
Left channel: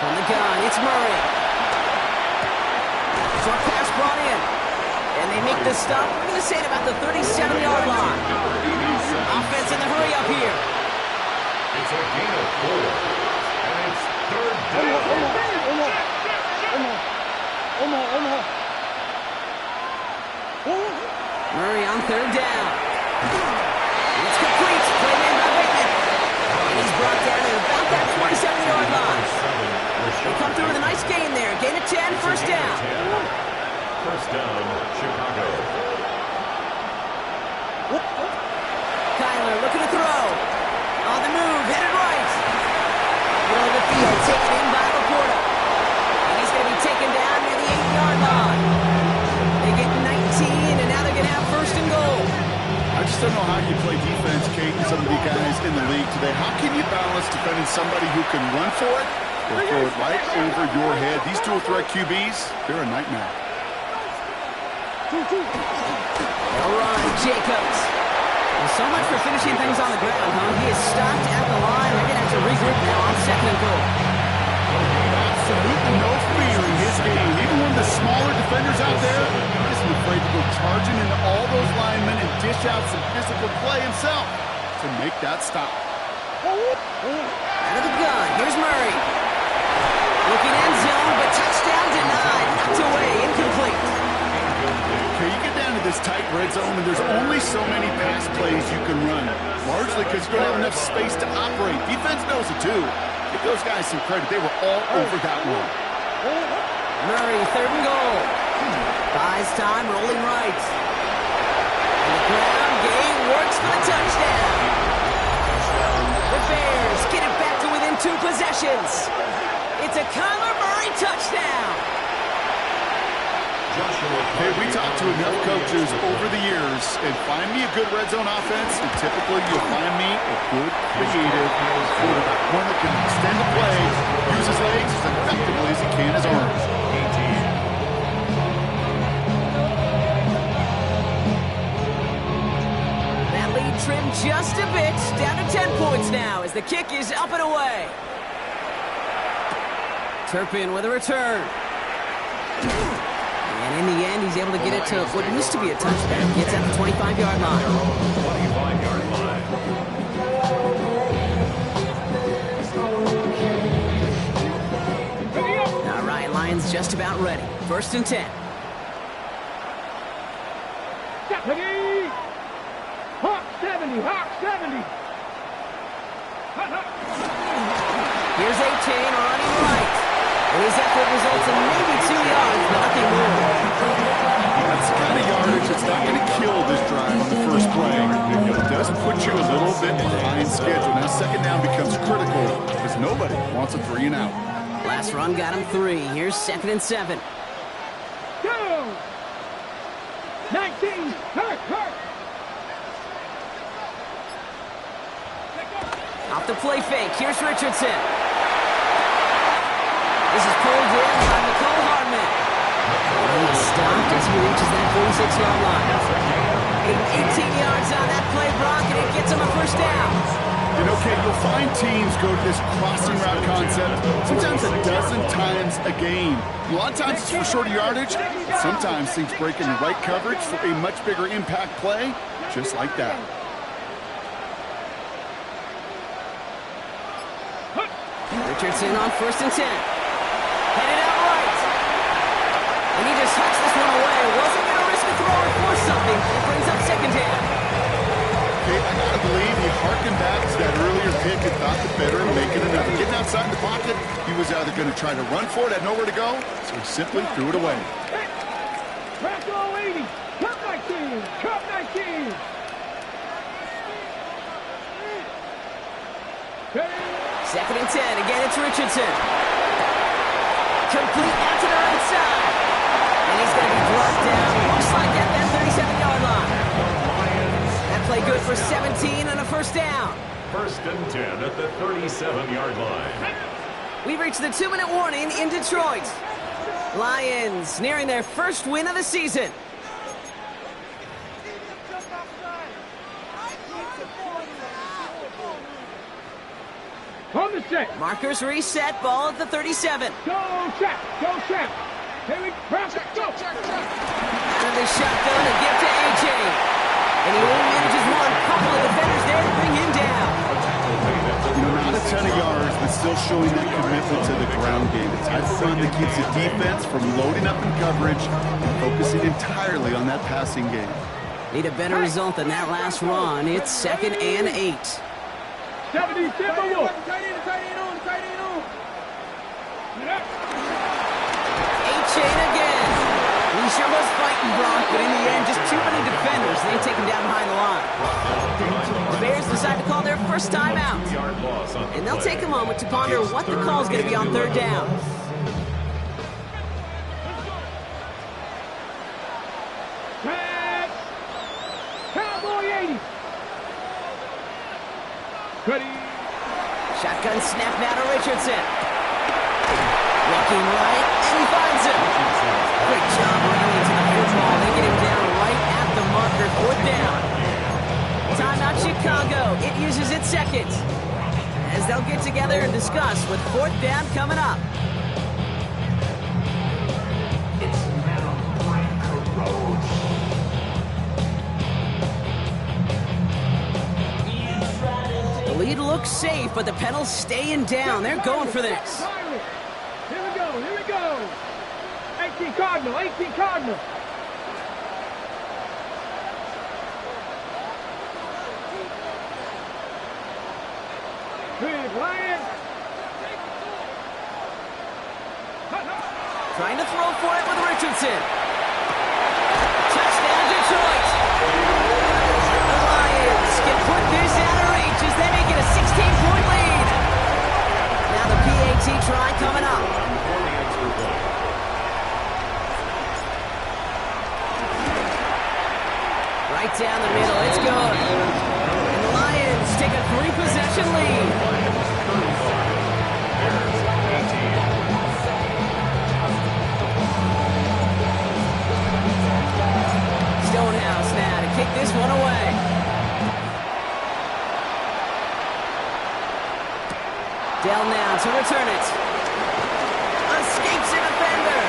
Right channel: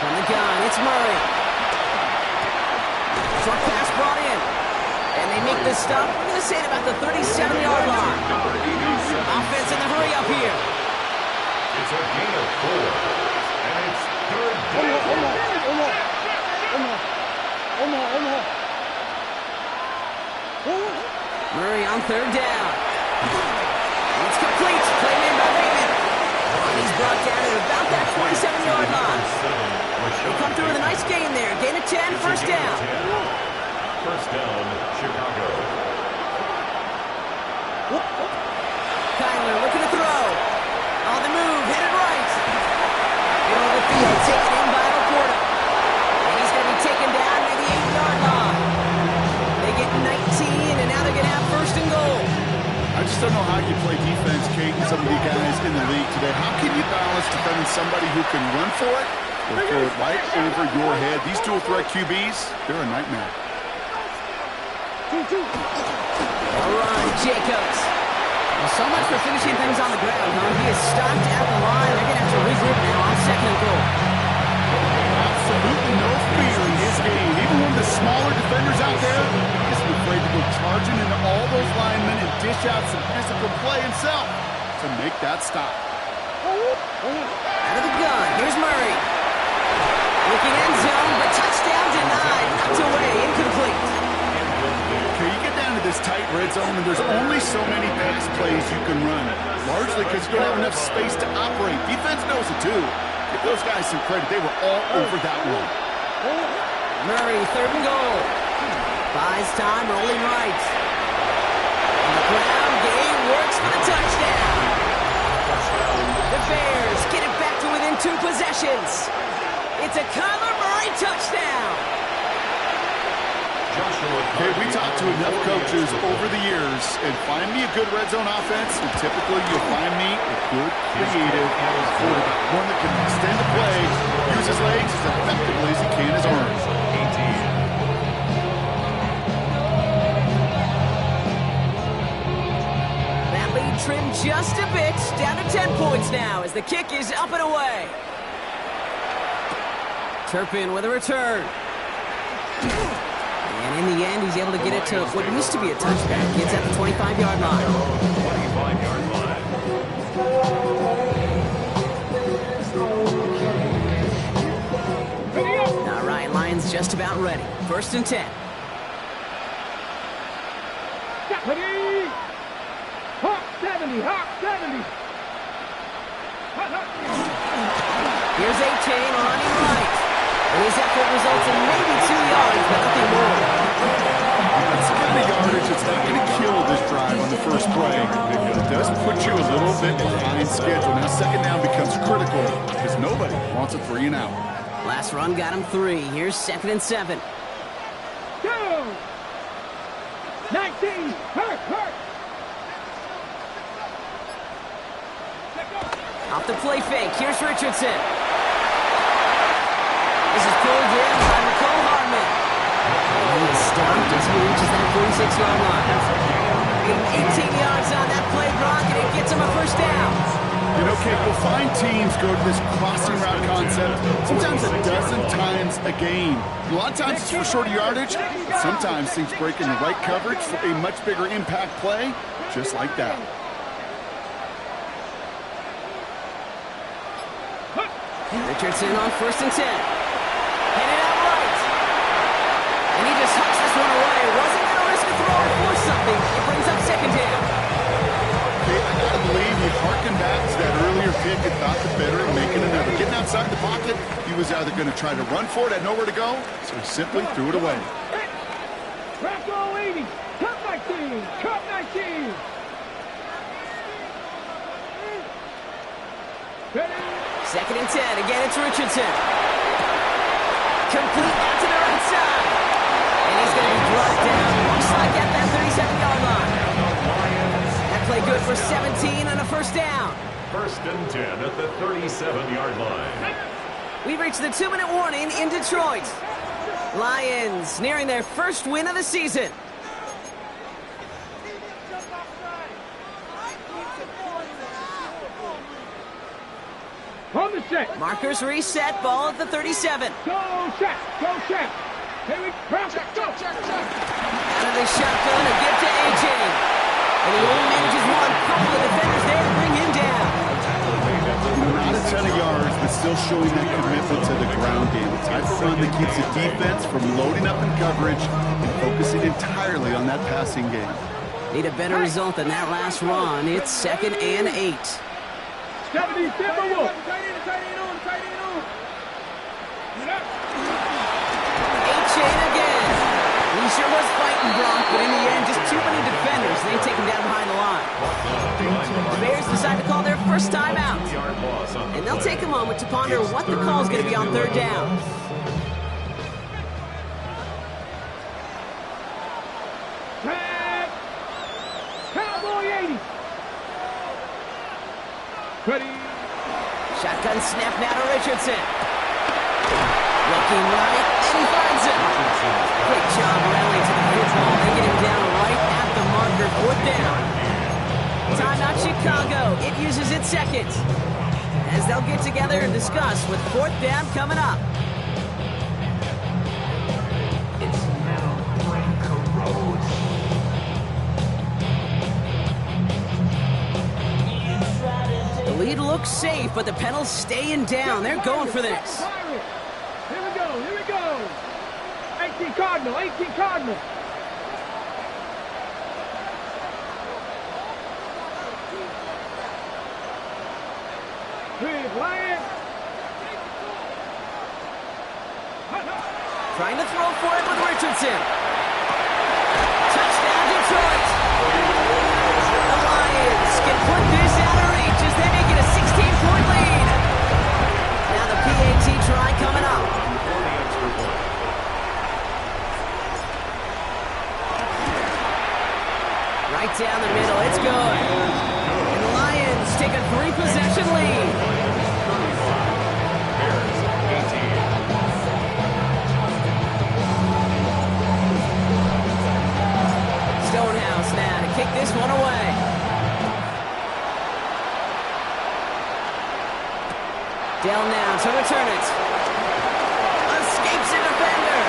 From the gun, it's Murray. Short pass brought in. And they make this stop, we're going to say, at about the 37-yard line. Offense in the hurry up here. It's a gain of 4. And it's third down. Murray on third down. It's complete. Play made by Bateman. And he's brought down at about that 27-yard line. They come through with a nice gain there. Gain of 10, first down. First down, Chicago. Kyler looking to throw. On the move, headed right. Middle of the field, taken in by Laporta. And he's going to be taken down near the 8-yard line. They get 19, and now they're going to have first and goal. I just don't know how you play defense, Kate, and some of the guys in the league today. How can you balance defending somebody who can run for it or throw it right over your head? These dual threat QBs, they're a nightmare. They'll run, Jacobs. Well, so much for finishing things on the ground, huh? He is stopped at the line. They're going to have to regroup now on second and goal. Absolutely no fear in his game. Even one of the smaller defenders out there isn't afraid to go charging into all those linemen and dish out some physical play himself to make that stop. Out of the gun, here's Murray. Looking end zone, but touchdown denied. Knocked away, incomplete. Okay, you get down to this tight red zone, and there's only so many pass plays you can run, largely because you don't have enough space to operate. Defense knows it, too. Give those guys some credit. They were all over that one. Murray, third and goal. Buys time, rolling right. On the ground, Gay works for the touchdown. The Bears get it back to within 2 possessions. It's a Kyler Murray touchdown. Hey, we talked to enough coaches over the years, and find me a good red zone offense, and typically you'll find me a good, creative quarterback. One that can extend the play, use his legs as effectively as he can his arms. That lead trimmed just a bit. Down to 10 points now as the kick is up and away. Turpin with a return. And in the end, he's able to get it to what used to be a touchback. Gets at the 25-yard line. 25-yard line. All right, Lions just about ready. 1st and 10. Ready. Hawk 70, Hawk 70. Here's A-Chain running right. And his effort results in maybe 2 yards, but nothing more. That's the kind of yardage that's not going to kill this drive on the first play. It does put you a little bit behind schedule. Now 2nd down becomes critical because nobody wants a 3 and out. Last run got him 3. Here's 2nd and 7. Go. 19. Hurt. Off the play fake. Here's Richardson. This is pulled in by Mecole Hardman. And he is stopped as he reaches that 46-yard line. 18 yards on that play, Brock, and it gets him a 1st down. You know, Kate, you'll find teams go to this crossing route concept sometimes a dozen times a game. A lot of times it's for shorter yardage. Sometimes things break in the right coverage for a much bigger impact play, just like that. Richardson on 1st and 10. Headed out right. And he just hucks this one away. Wasn't going to risk a throw or force something. It brings up 2nd down. Okay, I got to believe he harkened back to that earlier pick and thought the better of making another. Getting outside the pocket, he was either going to try to run for it, had nowhere to go, so he simply threw it away. Bracco 80. Cup 19. Cup 19. Ready. 2nd and 10. Again, it's Richardson. Complete out to the right side. And he's going to be brought down, looks like at that 37-yard line. That play good for 17 and a 1st down. 1st and 10 at the 37-yard line. We've reached the 2-minute warning in Detroit. Lions nearing their 1st win of the season. On the set. Markers reset, ball at the 37. Go, Shaq. Go, Shaq. Here we go. Out of the shotgun, a gift to A.J. And he only manages one. Couple of defenders there to bring him down. You know, not a ton of yards, but still showing that commitment to the ground game. The type of run that keeps the defense from loading up in coverage and focusing entirely on that passing game. Need a better result than that last run. It's 2nd and 8. 70 Timberwolves. A-Chain again. He sure was fighting, Brock, but in the end, just too many defenders. They take him down behind the line. The Bears decide to call their 1st time out. And they'll take a moment to ponder what the call is going to be on 3rd down. Tag. Cowboy 80. Ready. Shotgun snap now to Richardson. Looking right, and he finds him. Great job rallying to the football. They get him down right at the marker. 4th down. Timeout Chicago. It uses its 2nd. As they'll get together and discuss with 4th down coming up. Its metal brain corrodes. The lead looks safe, but the pedals staying down. They're going for this. Here we go. 18 Cardinal. Big Lion. Trying to throw for it with Richardson. Touchdown, Detroit. The Lions can put this out of reach as they make it a 16-point lead. Now the PAT try coming up. For the extra point. Right down the middle, it's good. And the Lions take a 3-possession lead. Lions 35, Bears 18. Stonehouse now to kick this one away. Dell now to return it. Escapes a defender.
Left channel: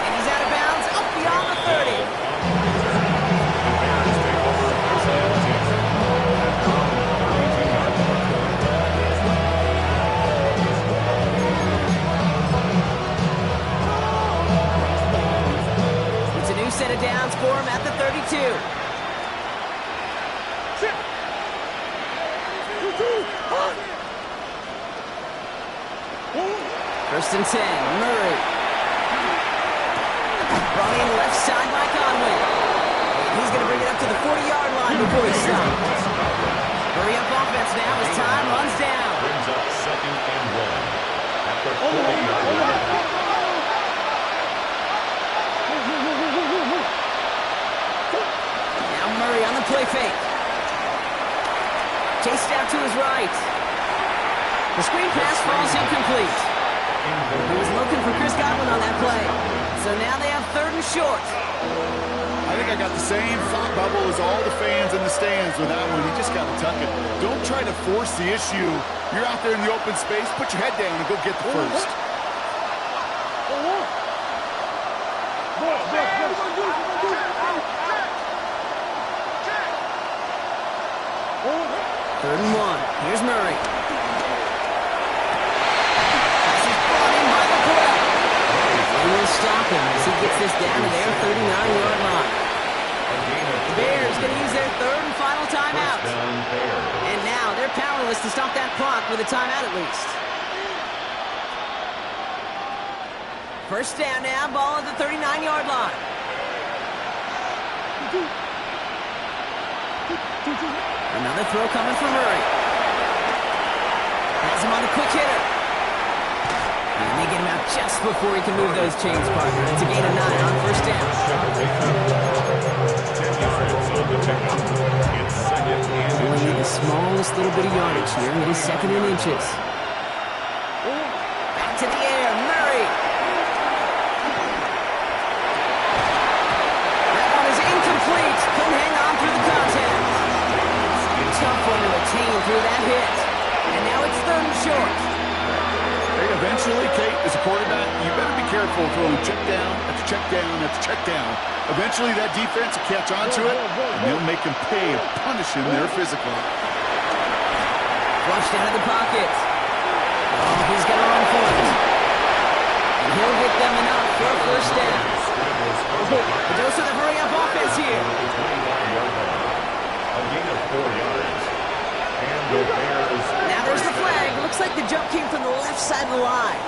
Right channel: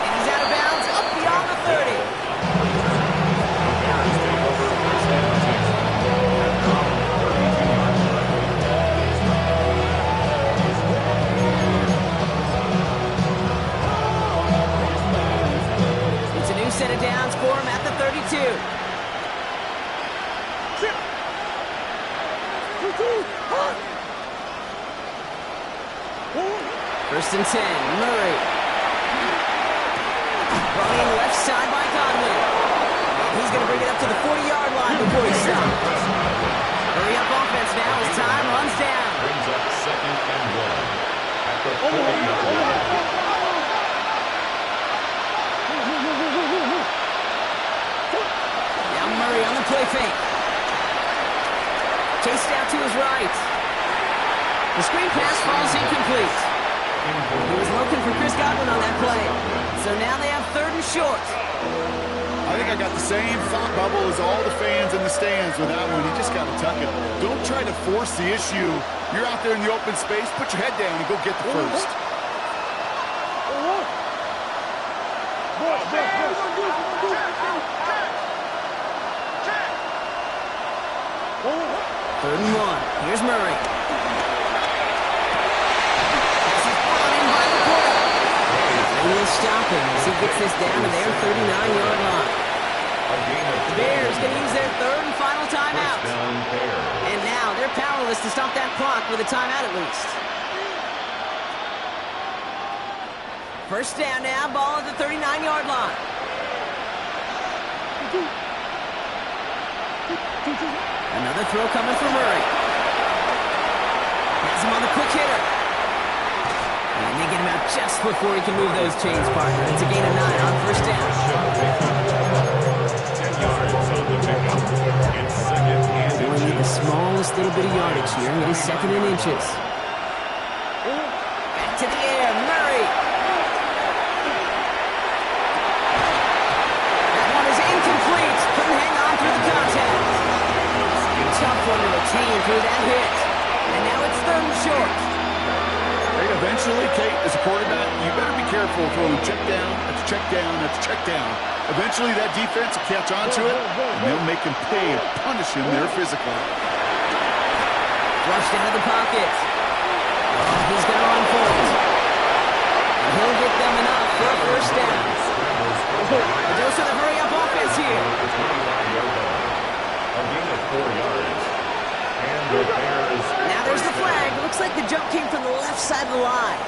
And he's out of bounds up beyond the 30. The Bears take over first and 10 at their own 32-yard line. It's a new set of downs for him at the 32. First and 10, Murray. Brought in left side by Godwin. And he's going to bring it up to the 40-yard line before he stops. Hurry up offense now as time runs down. Brings up second and 1 at the 40-yard line. Now Murray on the play fake. Chased out to his right. The screen pass falls incomplete. He was looking for Chris Godwin on that play. So now they have 3rd and short. I think I got the same thought bubble as all the fans in the stands with that one. You just got to tuck it. Don't try to force the issue. You're out there in the open space. Put your head down and go get the first. Third and 1. Here's Murray. They will stop him as he gets this down to their 39-yard line. The Bears going to use their 3rd and final timeout. And now they're powerless to stop that clock with a timeout at least. First down now, ball at the 39-yard line. Another throw coming from Murray. Has him on the quick hitter. And they get him out just before he can move those chains, partner. It's a gain of 9 on first down. 10 yards on the pickup. It's second and Only need the smallest little bit of yardage here. It is 2nd and inches. Back to the air, Murray. That one is incomplete. Couldn't hang on through the contact. Tough one to retain through that hit. And now it's 3rd and short. Hey, eventually, Kate, as a quarterback, you better be careful throwing check down after check down after check down. Eventually, that defense will catch on to it, and they'll make him pay and punish him there physically. Flushed out of the pocket. Oh, he's going to run for it. And he'll get them enough for a first down. A dose of the hurry-up offense here. A gain of 4 yards. And the Bears. Now there's the flag. Looks like the jump came from the left side of the line.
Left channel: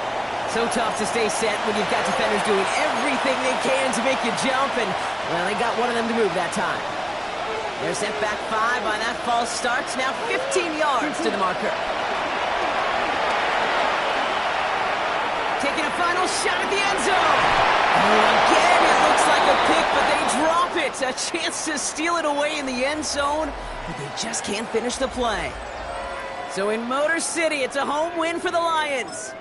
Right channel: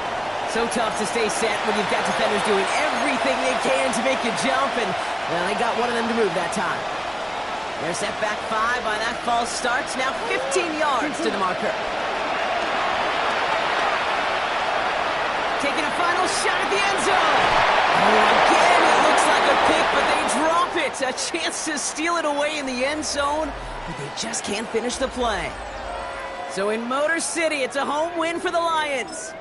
So tough to stay set when you've got defenders doing everything they can to make you jump, and, well, they got one of them to move that time. They're set back 5 by that false start. Now 15 yards to the marker. Taking a final shot at the end zone. Oh, again, it looks like a pick, but they drop it. A chance to steal it away in the end zone, but they just can't finish the play. So in Motor City, it's a home win for the Lions.